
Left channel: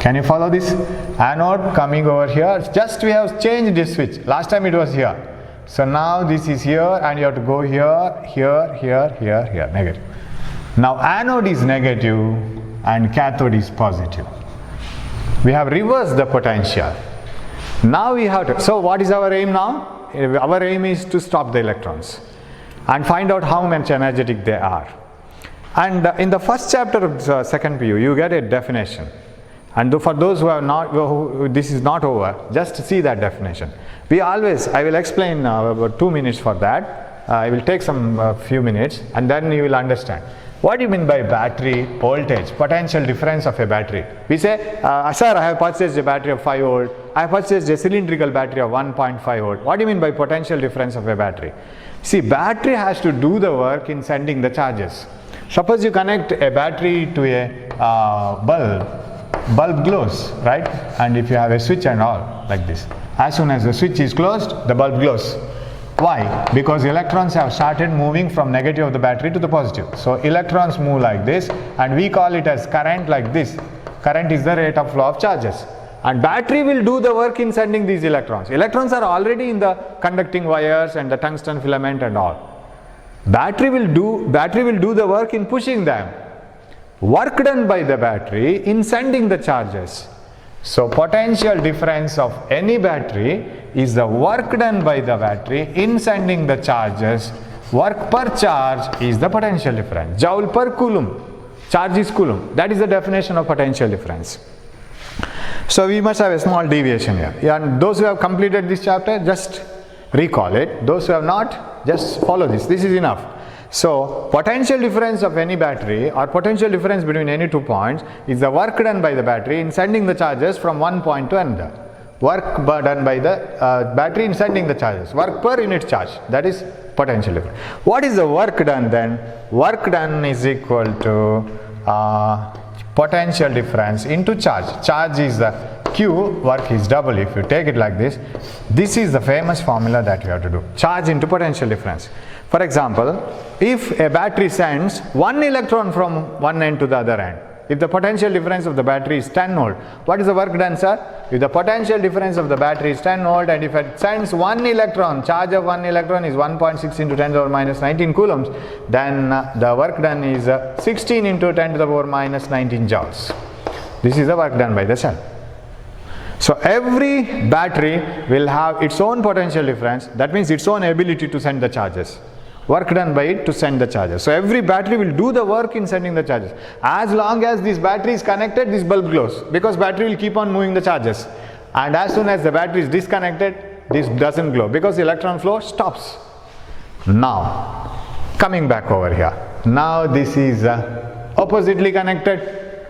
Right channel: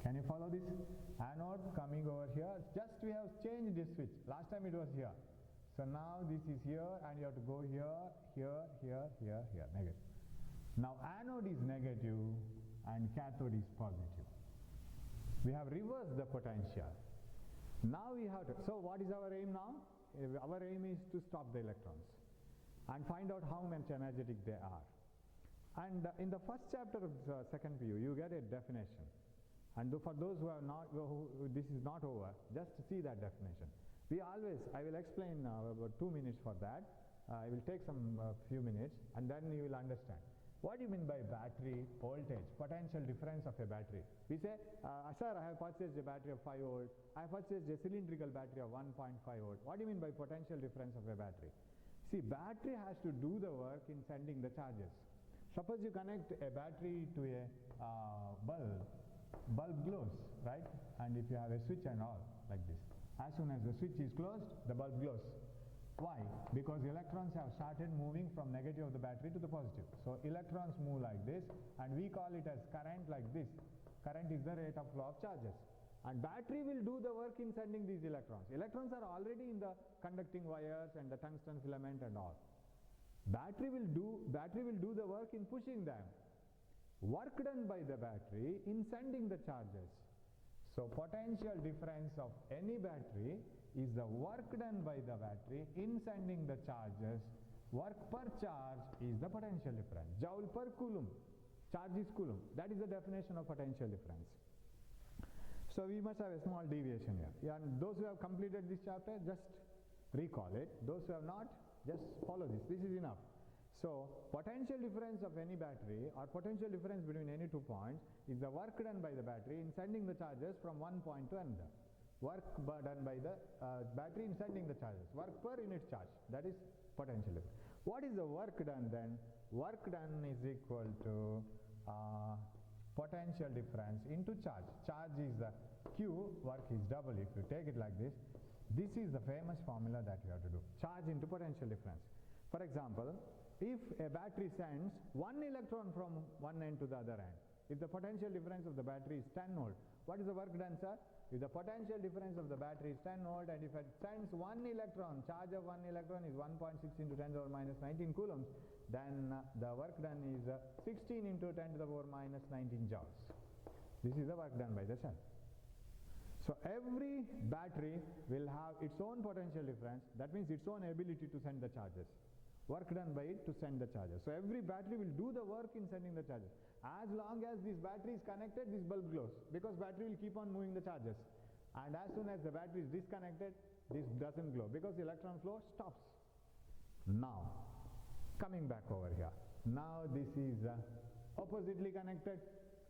Can you follow this? Anode coming over here. Just we have changed this switch. Last time it was here. So now this is here and you have to go here, here, here, here, here. Negative. Now anode is negative and cathode is positive. We have reversed the potential. Now we have to, so what is our aim now? Our aim is to stop the electrons and find out how much energetic they are. And in the first chapter of the second PU, you get a definition. And for those who have not, this is not over, just see that definition. We always, I will explain about 2 minutes for that. I will take some few minutes and then you will understand. What do you mean by battery voltage, potential difference of a battery? We say, sir, I have purchased a battery of 5 volt. I have purchased a cylindrical battery of 1.5 volt. What do you mean by potential difference of a battery? See, battery has to do the work in sending the charges. Suppose you connect a battery to a bulb glows, right? And if you have a switch and all like this, as soon as the switch is closed, the bulb glows. Why? Because electrons have started moving from negative of the battery to the positive. So electrons move like this and we call it as current like this. Current is the rate of flow of charges. And battery will do the work in sending these electrons. Electrons are already in the conducting wires and the tungsten filament and all. Battery will do the work in pushing them. Work done by the battery in sending the charges. So potential difference of any battery is the work done by the battery in sending the charges. Work per charge is the potential difference. Joule per coulomb. Charge is coulomb. That is the definition of potential difference. So we must have a small deviation here. And those who have completed this chapter, just recall it. Those who have not, just follow this. This is enough. So potential difference of any battery or potential difference between any 2 points is the work done by the battery in sending the charges from one point to another. Work done by the battery in sending the charges. Work per unit charge. That is potential difference. What is the work done then? Work done is equal to potential difference into charge. Charge is the Q, work is W. If you take it like this, this is the famous formula that you have to do. Charge into potential difference. For example, if a battery sends one electron from one end to the other end, if the potential difference of the battery is 10 volt, what is the work done, sir? If the potential difference of the battery is 10 volt and if it sends one electron, charge of one electron is 1.6 into 10 to the power minus 19 coulombs, then the work done is 16 into 10 to the power minus 19 joules. This is the work done by the cell. So every battery will have its own potential difference, that means its own ability to send the charges. Work done by it to send the charges. So every battery will do the work in sending the charges. As long as this battery is connected, this bulb glows, because battery will keep on moving the charges. And as soon as the battery is disconnected, this doesn't glow because the electron flow stops. Now, coming back over here. Now this is oppositely connected.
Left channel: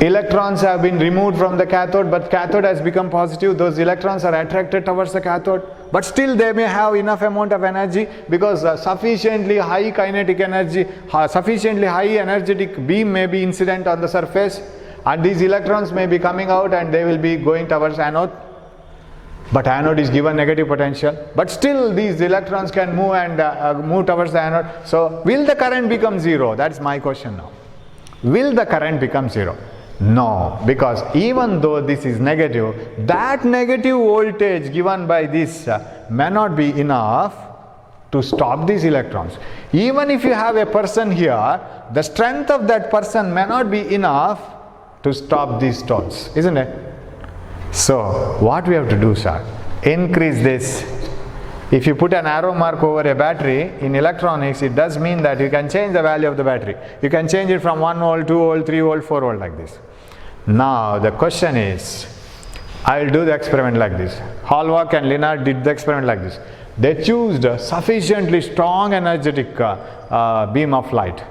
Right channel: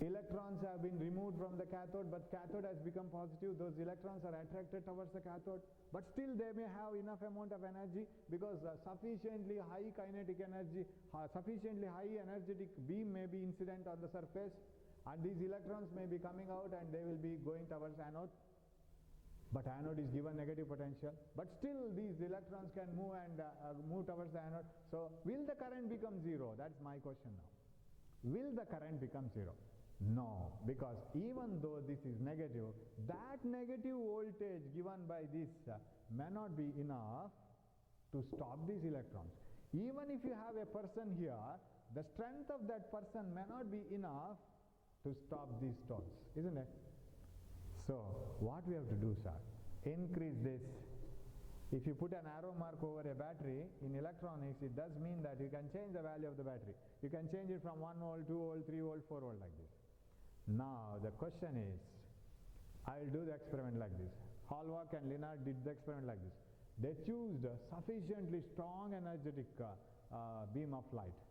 Electrons have been removed from the cathode, but cathode has become positive. Those electrons are attracted towards the cathode, but still they may have enough amount of energy because sufficiently high kinetic energy, sufficiently high energetic beam may be incident on the surface, and these electrons may be coming out and they will be going towards anode. But anode is given negative potential, but still these electrons can move and move towards the anode. So will the current become zero? That's my question now. Will the current become zero? No, because even though this is negative, that negative voltage given by this may not be enough to stop these electrons. Even if you have a person here, the strength of that person may not be enough to stop these stones, isn't it? So what we have to do, sir? Increase this. If you put an arrow mark over a battery, in electronics it does mean that you can change the value of the battery. You can change it from 1 volt, 2 volt, 3 volt, 4 volt like this. Now the question is, I will do the experiment like this. Hallmark and Lennard did the experiment like this. They chose a sufficiently strong energetic beam of light.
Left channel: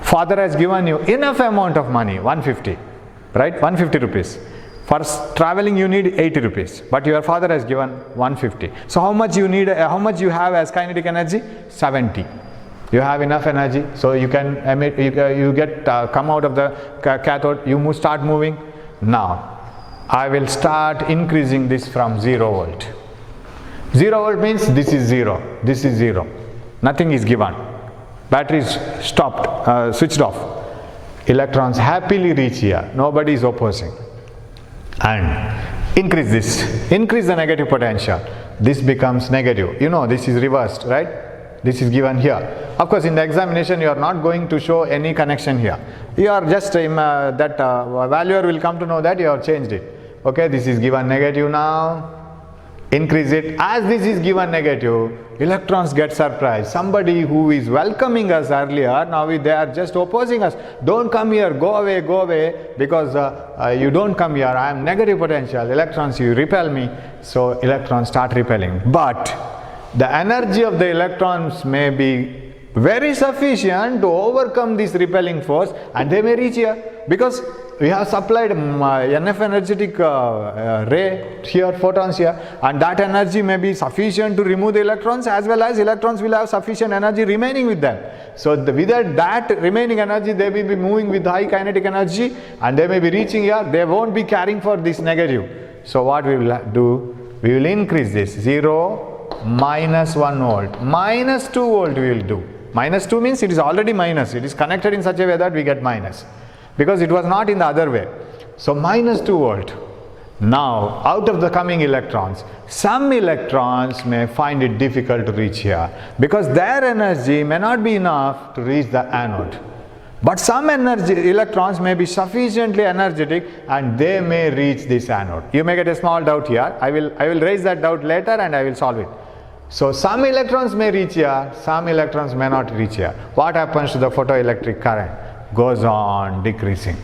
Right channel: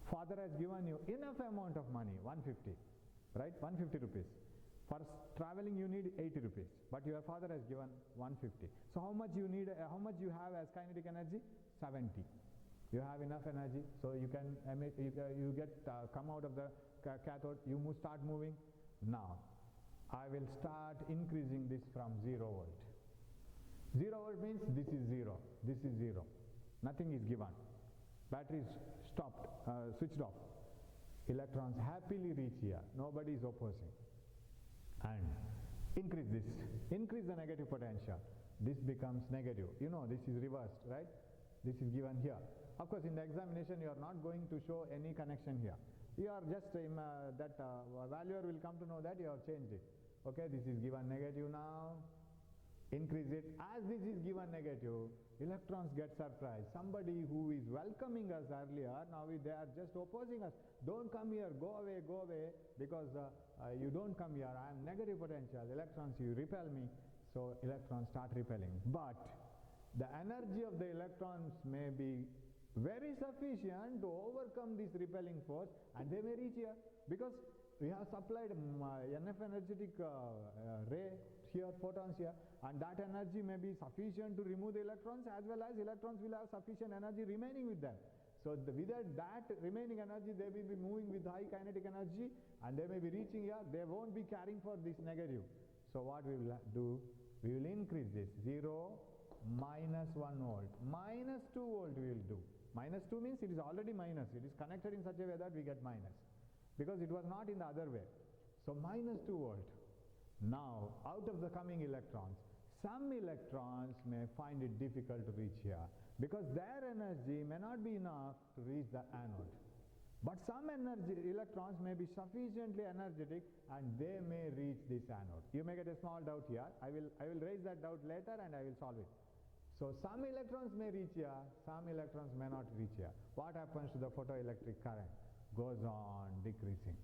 Father has given you enough amount of money, 150, right? 150 rupees. For traveling you need 80 rupees, but your father has given 150. So how much you need, how much you have as kinetic energy? 70. You have enough energy, so you can emit, you get come out of the cathode, you start moving. Now I will start increasing this from 0 volt. 0 volt means this is 0, this is 0. Nothing is given. Battery is stopped, switched off. Electrons happily reach here, nobody is opposing. And increase this, increase the negative potential. This becomes negative. You know, this is reversed, right? This is given here. Of course, in the examination, you are not going to show any connection here. You are just, valuer will come to know that you have changed it. Okay, this is given negative now. Increase it. As this is given negative, electrons get surprised. Somebody who is welcoming us earlier, now they are just opposing us. Don't come here, go away, because you don't come here, I am negative potential. Electrons, you repel me. So electrons start repelling. But the energy of the electrons may be very sufficient to overcome this repelling force, and they may reach here because we have supplied enough energetic ray here, photons here, and that energy may be sufficient to remove the electrons, as well as electrons will have sufficient energy remaining with them. So without that remaining energy, they will be moving with high kinetic energy and they may be reaching here. They won't be carrying for this negative. So what we will do, we will increase this 0, minus 1 volt, minus 2 volt we will do. Minus 2 means it is already minus. It is connected in such a way that we get minus, because it was not in the other way. So minus 2 volt. Now out of the coming electrons, some electrons may find it difficult to reach here because their energy may not be enough to reach the anode. But some electrons may be sufficiently energetic and they may reach this anode. You may get a small doubt here. I will raise that doubt later and I will solve it. So some electrons may reach here, some electrons may not reach here. What happens to the photoelectric current? Goes on decreasing,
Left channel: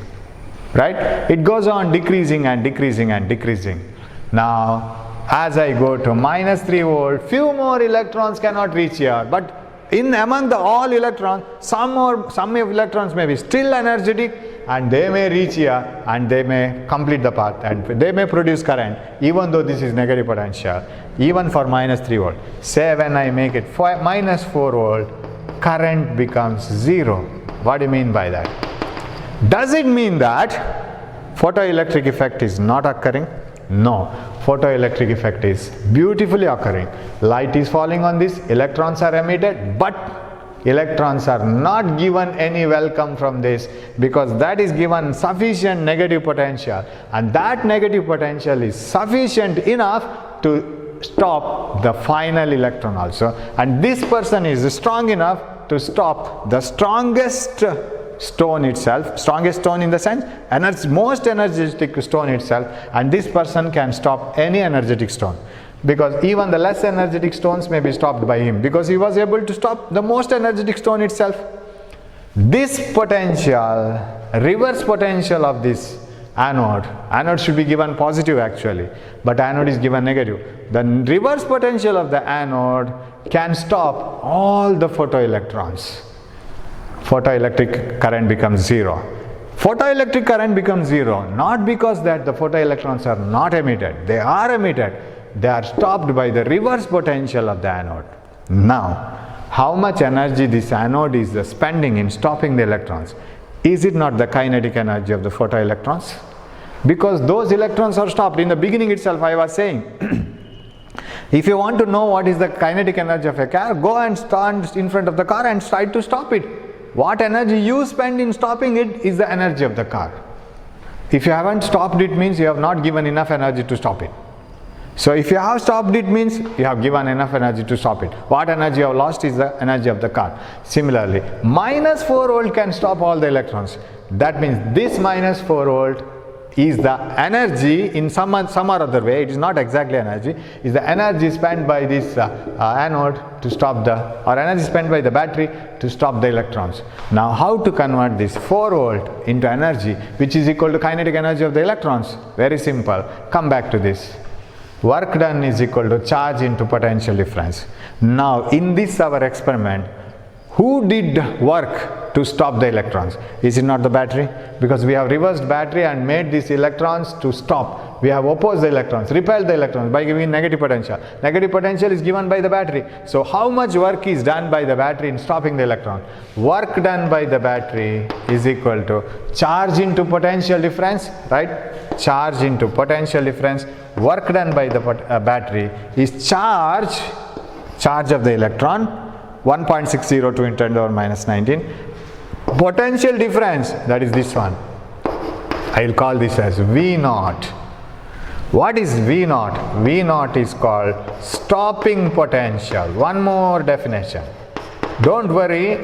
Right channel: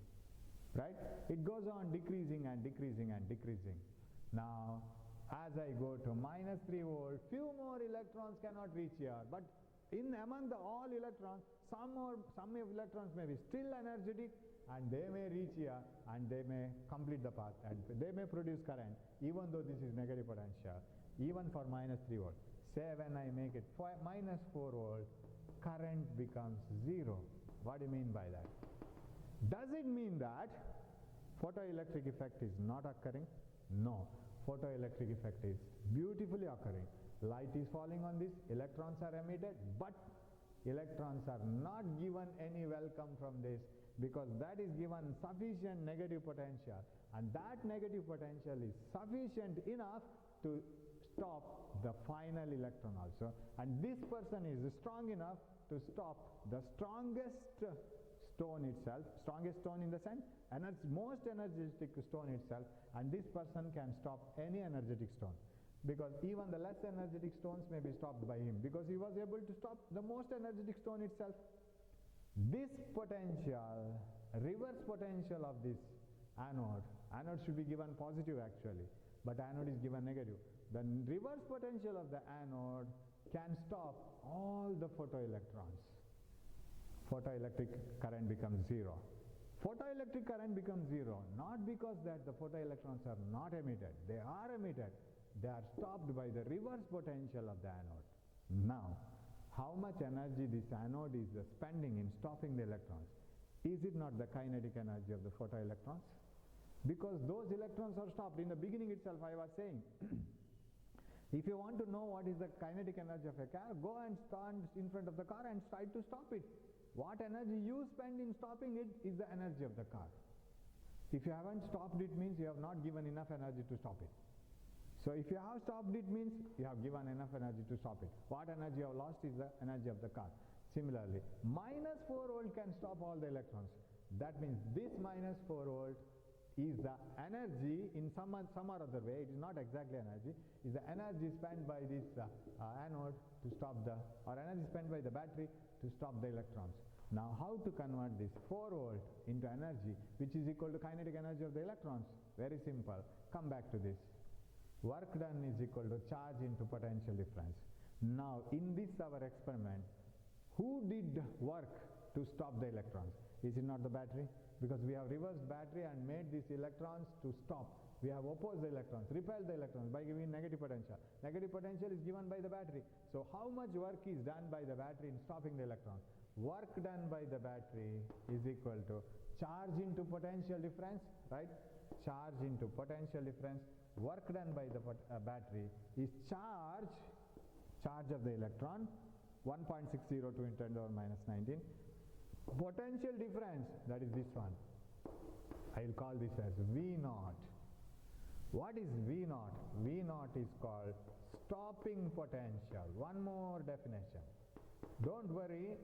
right? It goes on decreasing and decreasing and decreasing. Now as I go to minus 3 volt, few more electrons cannot reach here, but among the all electrons, some electrons may be still energetic and they may reach here and they may complete the path and they may produce current, even though this is negative potential, even for minus 3 volt. Say when I make it minus 4 volt, current becomes 0. What do you mean by that? Does it mean that photoelectric effect is not occurring? No, photoelectric effect is beautifully occurring. Light is falling on this, electrons are emitted, but electrons are not given any welcome from this because that is given sufficient negative potential, and that negative potential is sufficient enough to stop the final electron also, and this person is strong enough to stop the strongest stone itself, strongest stone in the sense, most energetic stone itself, and this person can stop any energetic stone, because even the less energetic stones may be stopped by him because he was able to stop the most energetic stone itself. This potential, reverse potential of this anode should be given positive actually, but anode is given negative. The reverse potential of the anode can stop all the photoelectrons. Photoelectric current becomes 0. photoelectric current becomes zero, not because that the photoelectrons are not emitted. They are emitted. They are stopped by the reverse potential of the anode. Now, how much energy this anode is spending in stopping the electrons? Is it not the kinetic energy of the photoelectrons? Because those electrons are stopped. In the beginning itself I was saying, if you want to know what is the kinetic energy of a car, go and stand in front of the car and try to stop it. What energy you spend in stopping it is the energy of the car. If you haven't stopped it, means you have not given enough energy to stop it. So if you have stopped it, means you have given enough energy to stop it. What energy you have lost is the energy of the car. Similarly, minus 4 volt can stop all the electrons. That means this minus 4 volt is the energy in some or other way. It is not exactly energy. Is the energy spent by this anode to stop the, or energy spent by the battery to stop the electrons. Now how to convert this 4 volt into energy which is equal to kinetic energy of the electrons? Very simple. Come back to this. Work done is equal to charge into potential difference. Now in this our experiment, who did work to stop the electrons? Is it not the battery? Because we have reversed battery and made these electrons to stop. We have opposed the electrons, repelled the electrons by giving negative potential. Negative potential is given by the battery. So how much work is done by the battery in stopping the electron? Work done by the battery is equal to charge into potential difference, right? Charge into potential difference. Work done by the battery is charge of the electron, 1.602 into 10 to the power minus 19. Potential difference, that is this one. I will call this as V naught. What is V naught? V naught is called stopping potential. One more definition. Don't worry,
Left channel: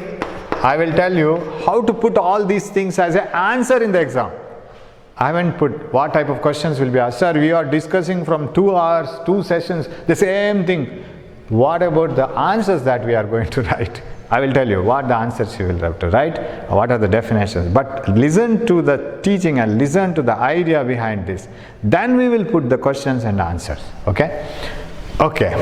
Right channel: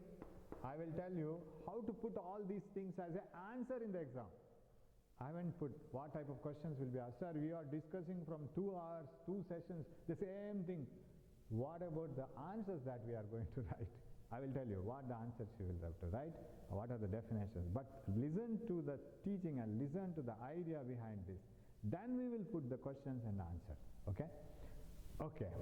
I will tell you how to put all these things as an answer in the exam. I haven't put what type of questions will be asked. Sir, we are discussing from 2 hours, 2 sessions, the same thing. What about the answers that we are going to write? I will tell you what the answers you will have to write, what are the definitions. But listen to the teaching and listen to the idea behind this. Then we will put the questions and answers. Okay? Okay.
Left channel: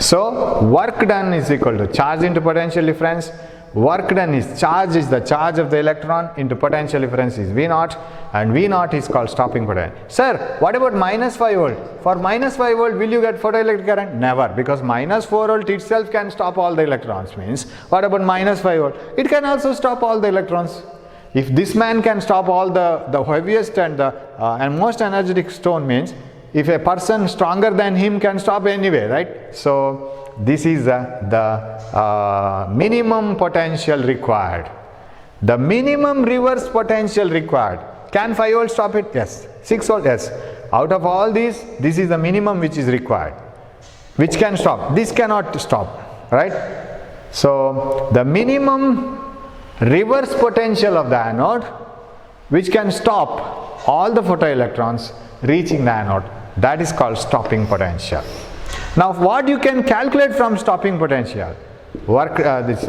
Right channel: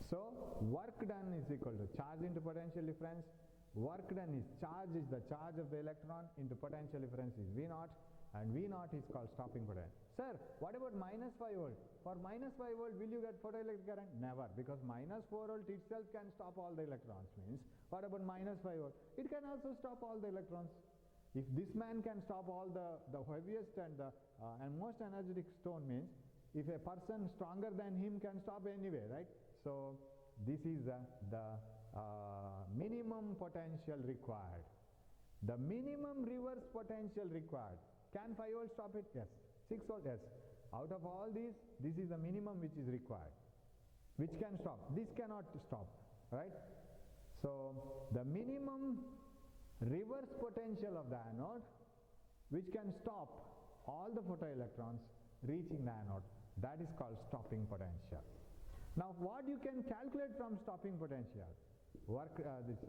So work done is equal to charge into potential difference. Work done is the charge of the electron into potential difference is V naught, and V naught is called stopping potential. Sir, what about minus 5 volt? For minus 5 volt, will you get photoelectric current? Never, because minus 4 volt itself can stop all the electrons. Means, what about minus 5 volt? It can also stop all the electrons. If this man can stop all the heaviest and most energetic stone, means if a person stronger than him can stop anyway, right? So this is the minimum potential required. The minimum reverse potential required. Can 5 volt stop it? Yes. 6 volt? Yes. Out of all these, this is the minimum which is required. Which can stop? This cannot stop, right? So the minimum reverse potential of the anode which can stop all the photoelectrons reaching the anode, that is called stopping potential. Now what you can calculate from stopping potential?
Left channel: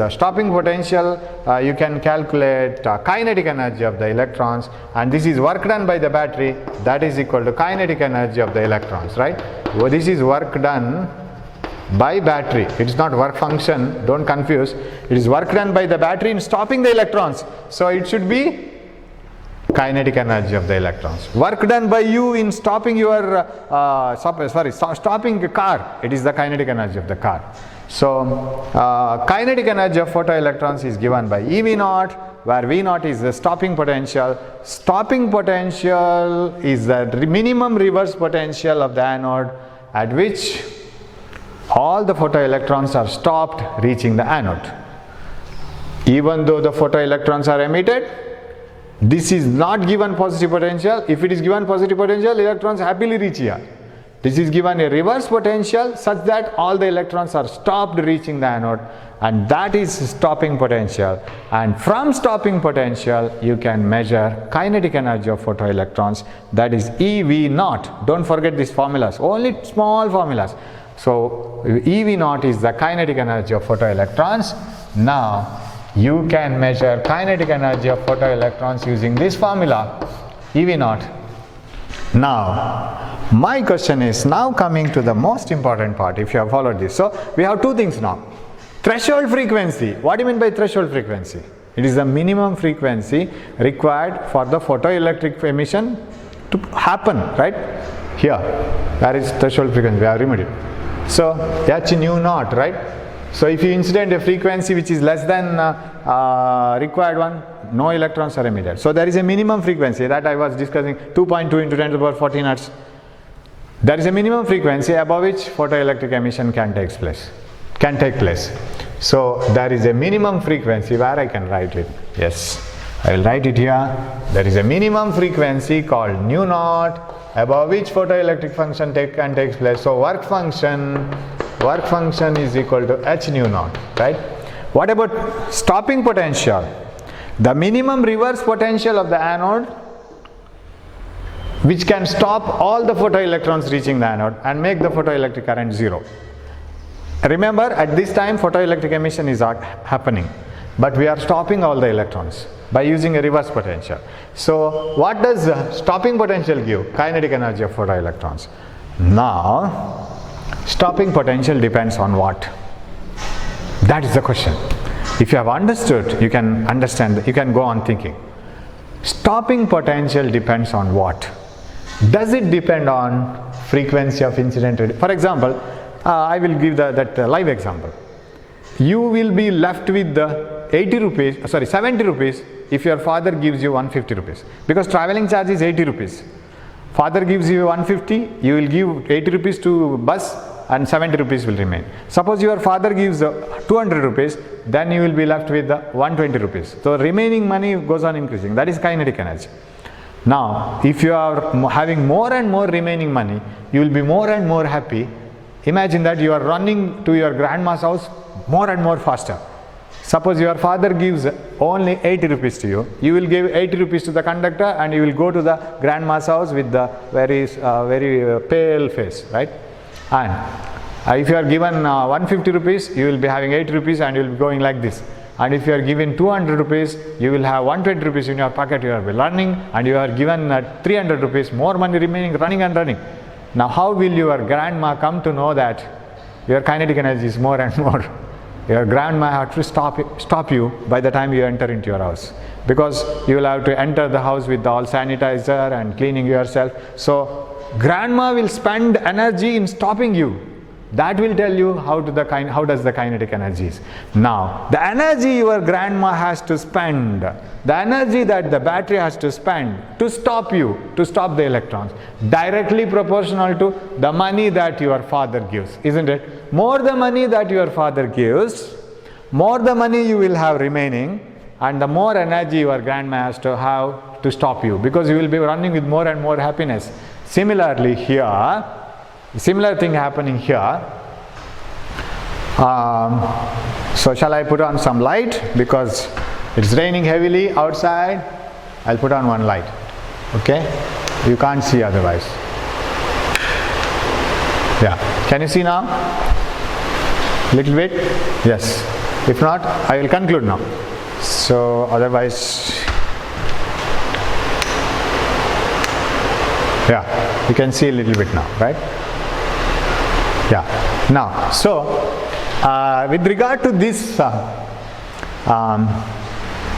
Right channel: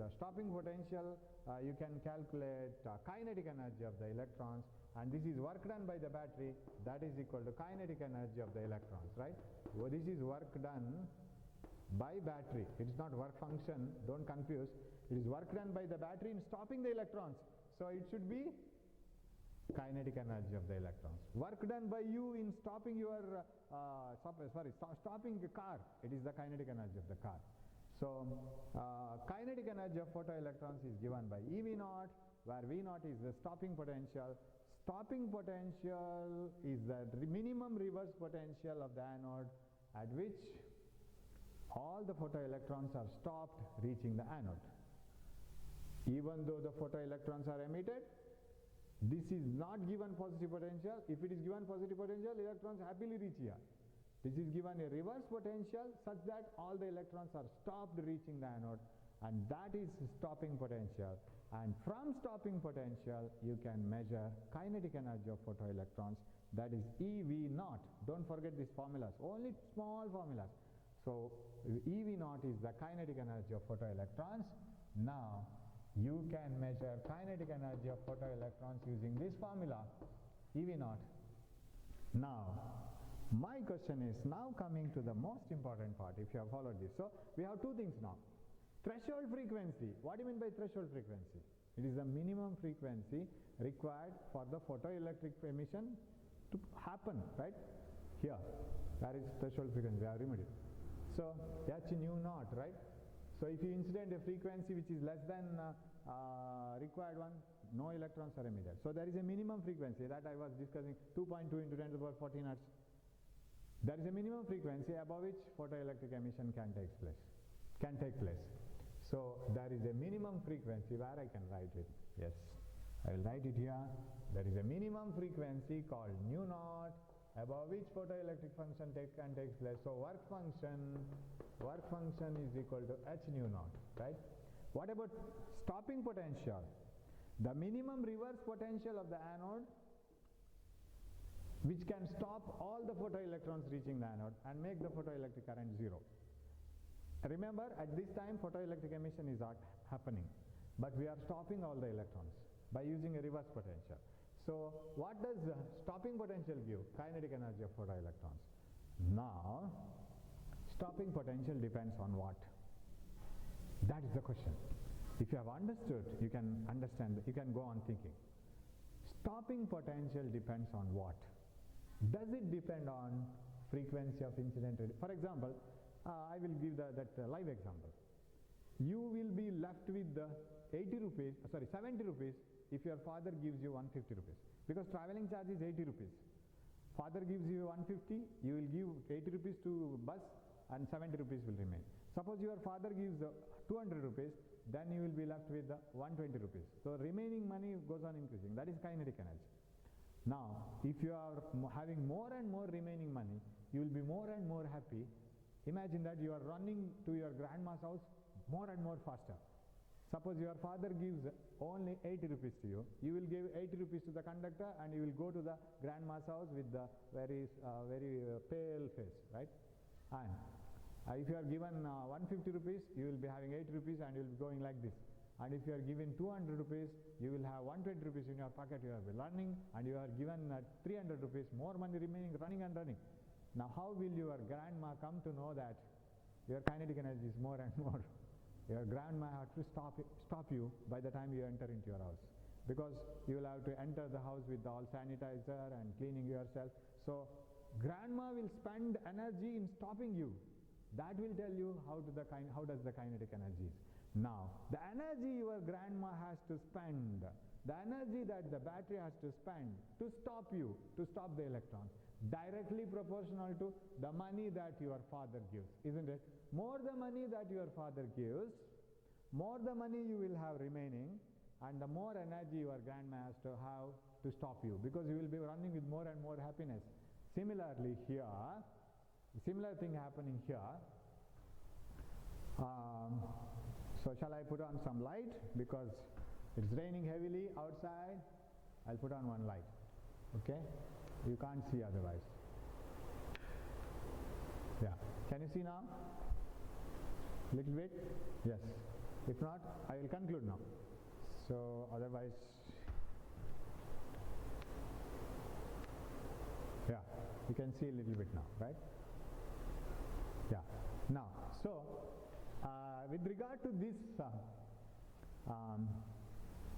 Stopping potential, you can calculate kinetic energy of the electrons, and this is work done by the battery, that is equal to kinetic energy of the electrons, right? Well, this is work done by battery. It is not work function, don't confuse. It is work done by the battery in stopping the electrons. So it should be kinetic energy of the electrons. Work done by you in stopping your stopping a car, it is the kinetic energy of the car. So kinetic energy of photoelectrons is given by EV naught, where V naught is the stopping potential. Stopping potential is the minimum reverse potential of the anode at which all the photoelectrons are stopped reaching the anode. Even though the photoelectrons are emitted, this is not given positive potential. If it is given positive potential, electrons happily reach here. This is given a reverse potential such that all the electrons are stopped reaching the anode, and that is stopping potential. And from stopping potential, you can measure kinetic energy of photoelectrons, that is EV naught. Don't forget these formulas, only small formulas. So EV naught is the kinetic energy of photoelectrons. Now you can measure kinetic energy of photoelectrons using this formula, EV naught. Now my question is now coming to the most important part, if you have followed this. So we have two things now. Threshold frequency. What do you mean by threshold frequency? It is the minimum frequency required for the photoelectric emission to happen, right? Here, that is threshold frequency, we have removed it. So h nu naught, right? So if you incident a frequency which is less than required one, no electrons are emitted. So there is a minimum frequency that I was discussing, 2.2 into 10 to the power 14 hertz. There is a minimum frequency above which photoelectric emission can take place. So there is a minimum frequency where I can write it. Yes, I will write it here. There is a minimum frequency called nu naught above which photoelectric function can take place. So work function is equal to h nu naught, right? What about stopping potential? The minimum reverse potential of the anode, which can stop all the photoelectrons reaching the anode and make the photoelectric current zero. Remember, at this time photoelectric emission is happening, but we are stopping all the electrons by using a reverse potential. So what does stopping potential give? Kinetic energy of photoelectrons. Now stopping potential depends on what? That is the question. If you have understood, you can understand, you can go on thinking. Stopping potential depends on what? Does it depend on frequency of incident radiation? For example, I will give that live example. You will be left with the 70 rupees if your father gives you 150 rupees, because travelling charge is 80 rupees. Father gives you 150, you will give 80 rupees to bus and 70 rupees will remain. Suppose your father gives 200 rupees, then you will be left with 120 rupees. So remaining money goes on increasing. That is kinetic energy. Now, if you are having more and more remaining money, you will be more and more happy. Imagine that you are running to your grandma's house more and more faster. Suppose your father gives only 80 rupees to you, you will give 80 rupees to the conductor and you will go to the grandma's house with the very pale face, right? And if you are given 150 rupees, you will be having 80 rupees and you will be going like this. And if you are given 200 rupees, you will have 120 rupees in your pocket, you are running, and you are given 300 rupees, more money remaining, running and running. Now how will your grandma come to know that your kinetic energy is more and more? Your grandma has to stop you by the time you enter into your house, because you will have to enter the house with all sanitizer and cleaning yourself. So grandma will spend energy in stopping you. That will tell you how does the kinetic energy is. Now the energy your grandma has to spend, the energy that the battery has to spend to stop you, to stop the electrons, directly proportional to the money that your father gives, isn't it? More the money that your father gives, more the money you will have remaining, and the more energy your grandma has to have to stop you, because you will be running with more and more happiness. Similarly here, similar thing happening here. So shall I put on some light, because it's raining heavily outside? I'll put on one light, okay? You can't see otherwise. Yeah, can you see now? Little bit? Yes. If not, I will conclude now. So otherwise, yeah, you can see a little bit now, right? Yeah. Now, so with regard to this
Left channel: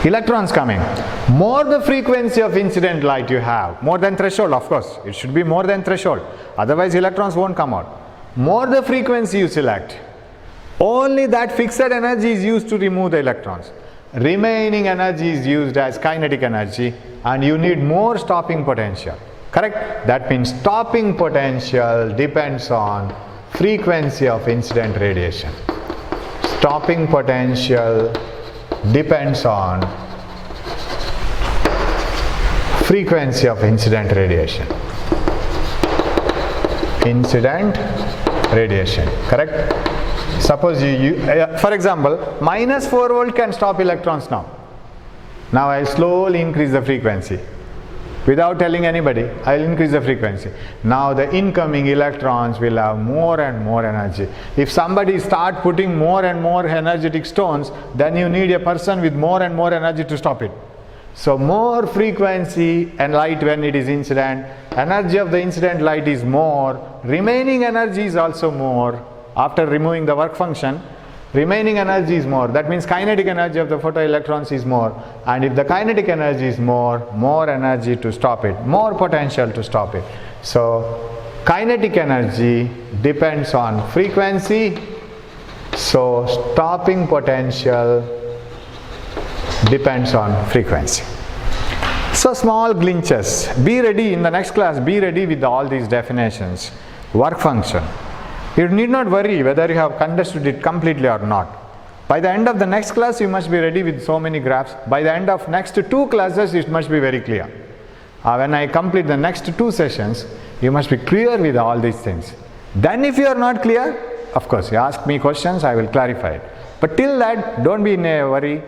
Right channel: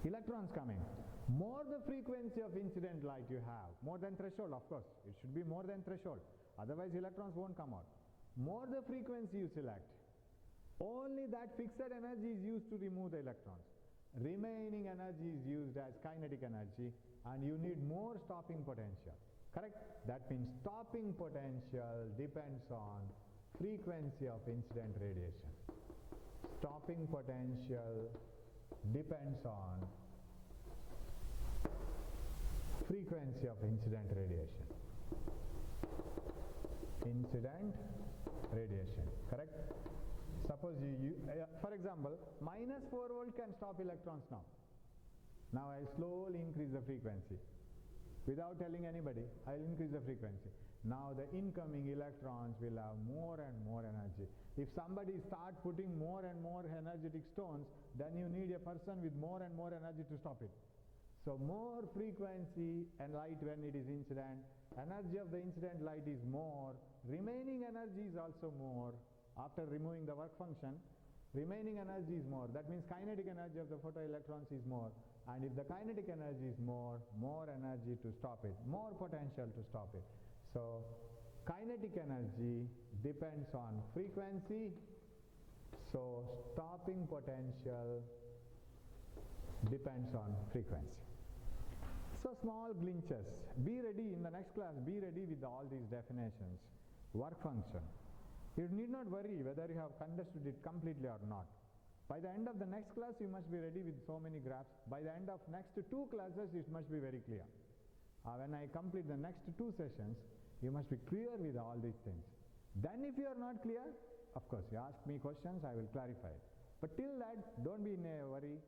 electrons coming, more the frequency of incident light you have, more than threshold, of course, it should be more than threshold, otherwise electrons won't come out. More the frequency you select, only that fixed energy is used to remove the electrons. Remaining energy is used as kinetic energy, and you need more stopping potential. Correct? That means stopping potential depends on frequency of incident radiation. Stopping potential depends on frequency of incident radiation. Incident radiation, correct? Suppose for example, minus 4 volt can stop electrons now. Now I slowly increase the frequency. Without telling anybody, I will increase the frequency. Now the incoming electrons will have more and more energy. If somebody start putting more and more energetic stones, then you need a person with more and more energy to stop it. So more frequency and light when it is incident, energy of the incident light is more, remaining energy is also more after removing the work function. remaining energy is more. That means kinetic energy of the photoelectrons is more, and if the kinetic energy is more energy to stop it, more potential to stop it. So kinetic energy depends on frequency, so stopping potential depends on frequency. So small glitches. Be ready in the next class, be ready with all these definitions. Work function. You need not worry whether you have understood it completely or not. By the end of the next class, you must be ready with so many graphs. By the end of next 2 classes, it must be very clear. When I complete the next 2 sessions, you must be clear with all these things. Then if you are not clear, of course, you ask me questions, I will clarify it. But till that, don't be in a worry,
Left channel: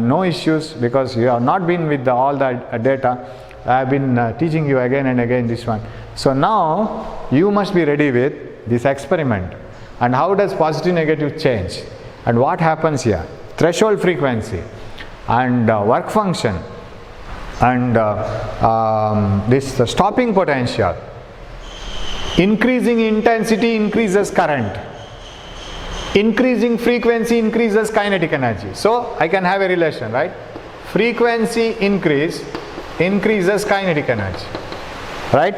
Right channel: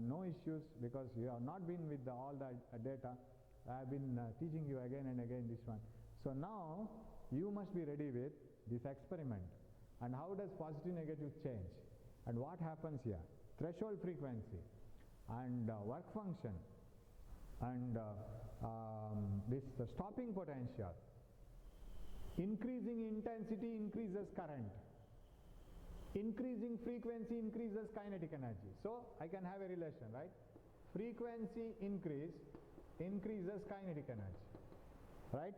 no issues, because you have not been with all the data. I have been teaching you again and again this one. So now, you must be ready with this experiment. And how does positive negative change? And what happens here? Threshold frequency and work function and this stopping potential. Increasing intensity increases current. Increasing frequency increases kinetic energy. So I can have a relation, right? Frequency increases kinetic energy, right?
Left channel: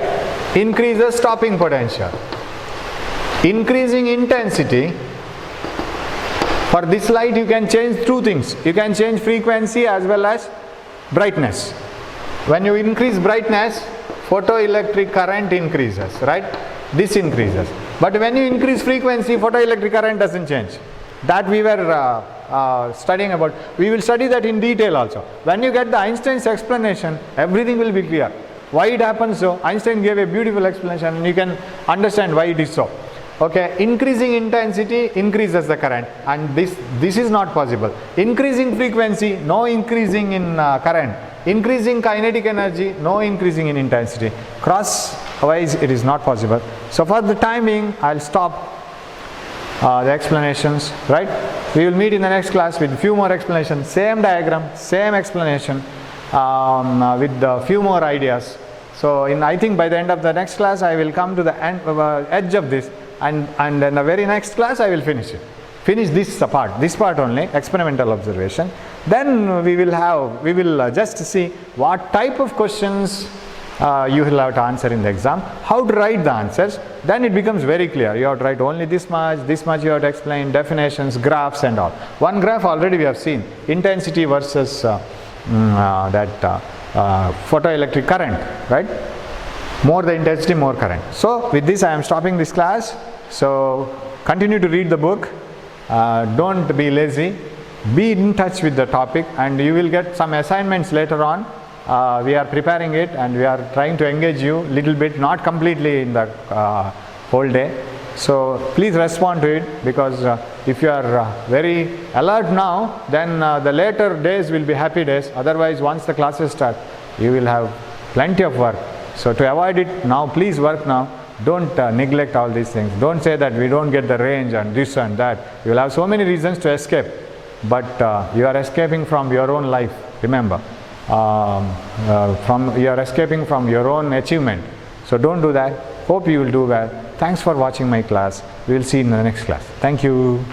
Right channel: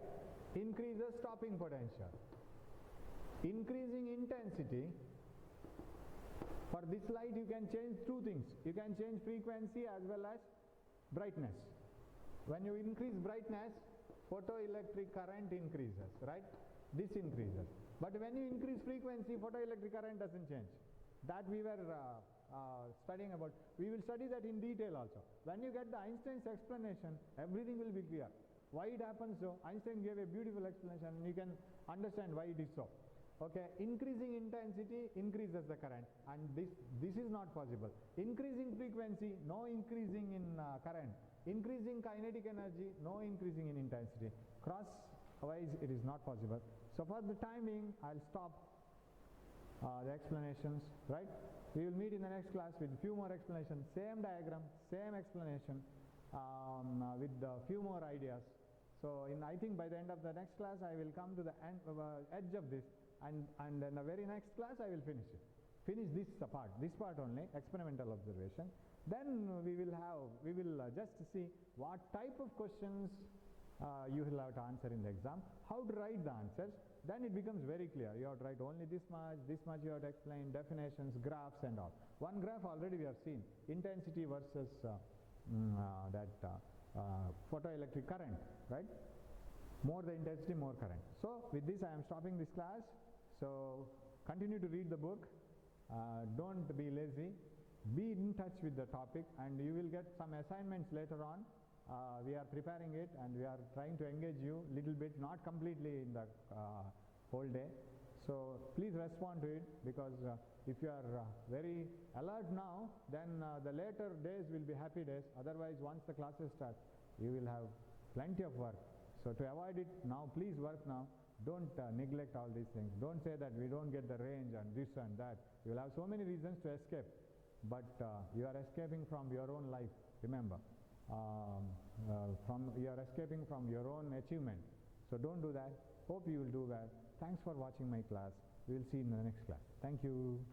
Increases stopping potential. Increasing intensity. For this light you can change 2 things. You can change frequency as well as brightness. When you increase brightness, photoelectric current increases, right? This increases. But when you increase frequency, photoelectric current doesn't change. That we were studying about. We will study that in detail also. When you get the Einstein's explanation, everything will be clear. Why it happens so? Einstein gave a beautiful explanation and you can understand why it is so. Okay, increasing intensity increases the current, and this is not possible. Increasing frequency, no increasing in current. Increasing kinetic energy, no increasing in intensity. Crosswise it is not possible. So for the time being, I'll stop the explanations, right? We will meet in the next class with few more explanations, same diagram, same explanation, with a few more ideas. So I think by the end of the next class I will come to the edge of this, and in the very next class I will finish it. Finish this part only, experimental observation. Then we will just see what type of questions you will have to answer in the exam, how to write the answers. Then it becomes very clear. You have to write only this much you have to explain, definitions, graphs and all. One graph already we have seen, intensity versus photoelectric current, right? More the intensity, more current. So with this I am stopping this class. So continue to read the book. Don't be lazy. Be in touch with the topic, and you will get some assignments later on. We are preparing it and we are trying to engage you little bit, not completely in the whole day. So please respond to it, because if you are very alert now, then the later days will be happy days. Otherwise, once the classes start, you will have plenty of work. So to avoid it now, please work now. Don't neglect all these things. Don't say that we don't get the range and this and that. You will have so many reasons to escape, but you are escaping from your own life, remember. You are escaping from your own achievement. So don't do that. Hope you will do well. Thanks for watching my class. We will see you in the next class. Thank you.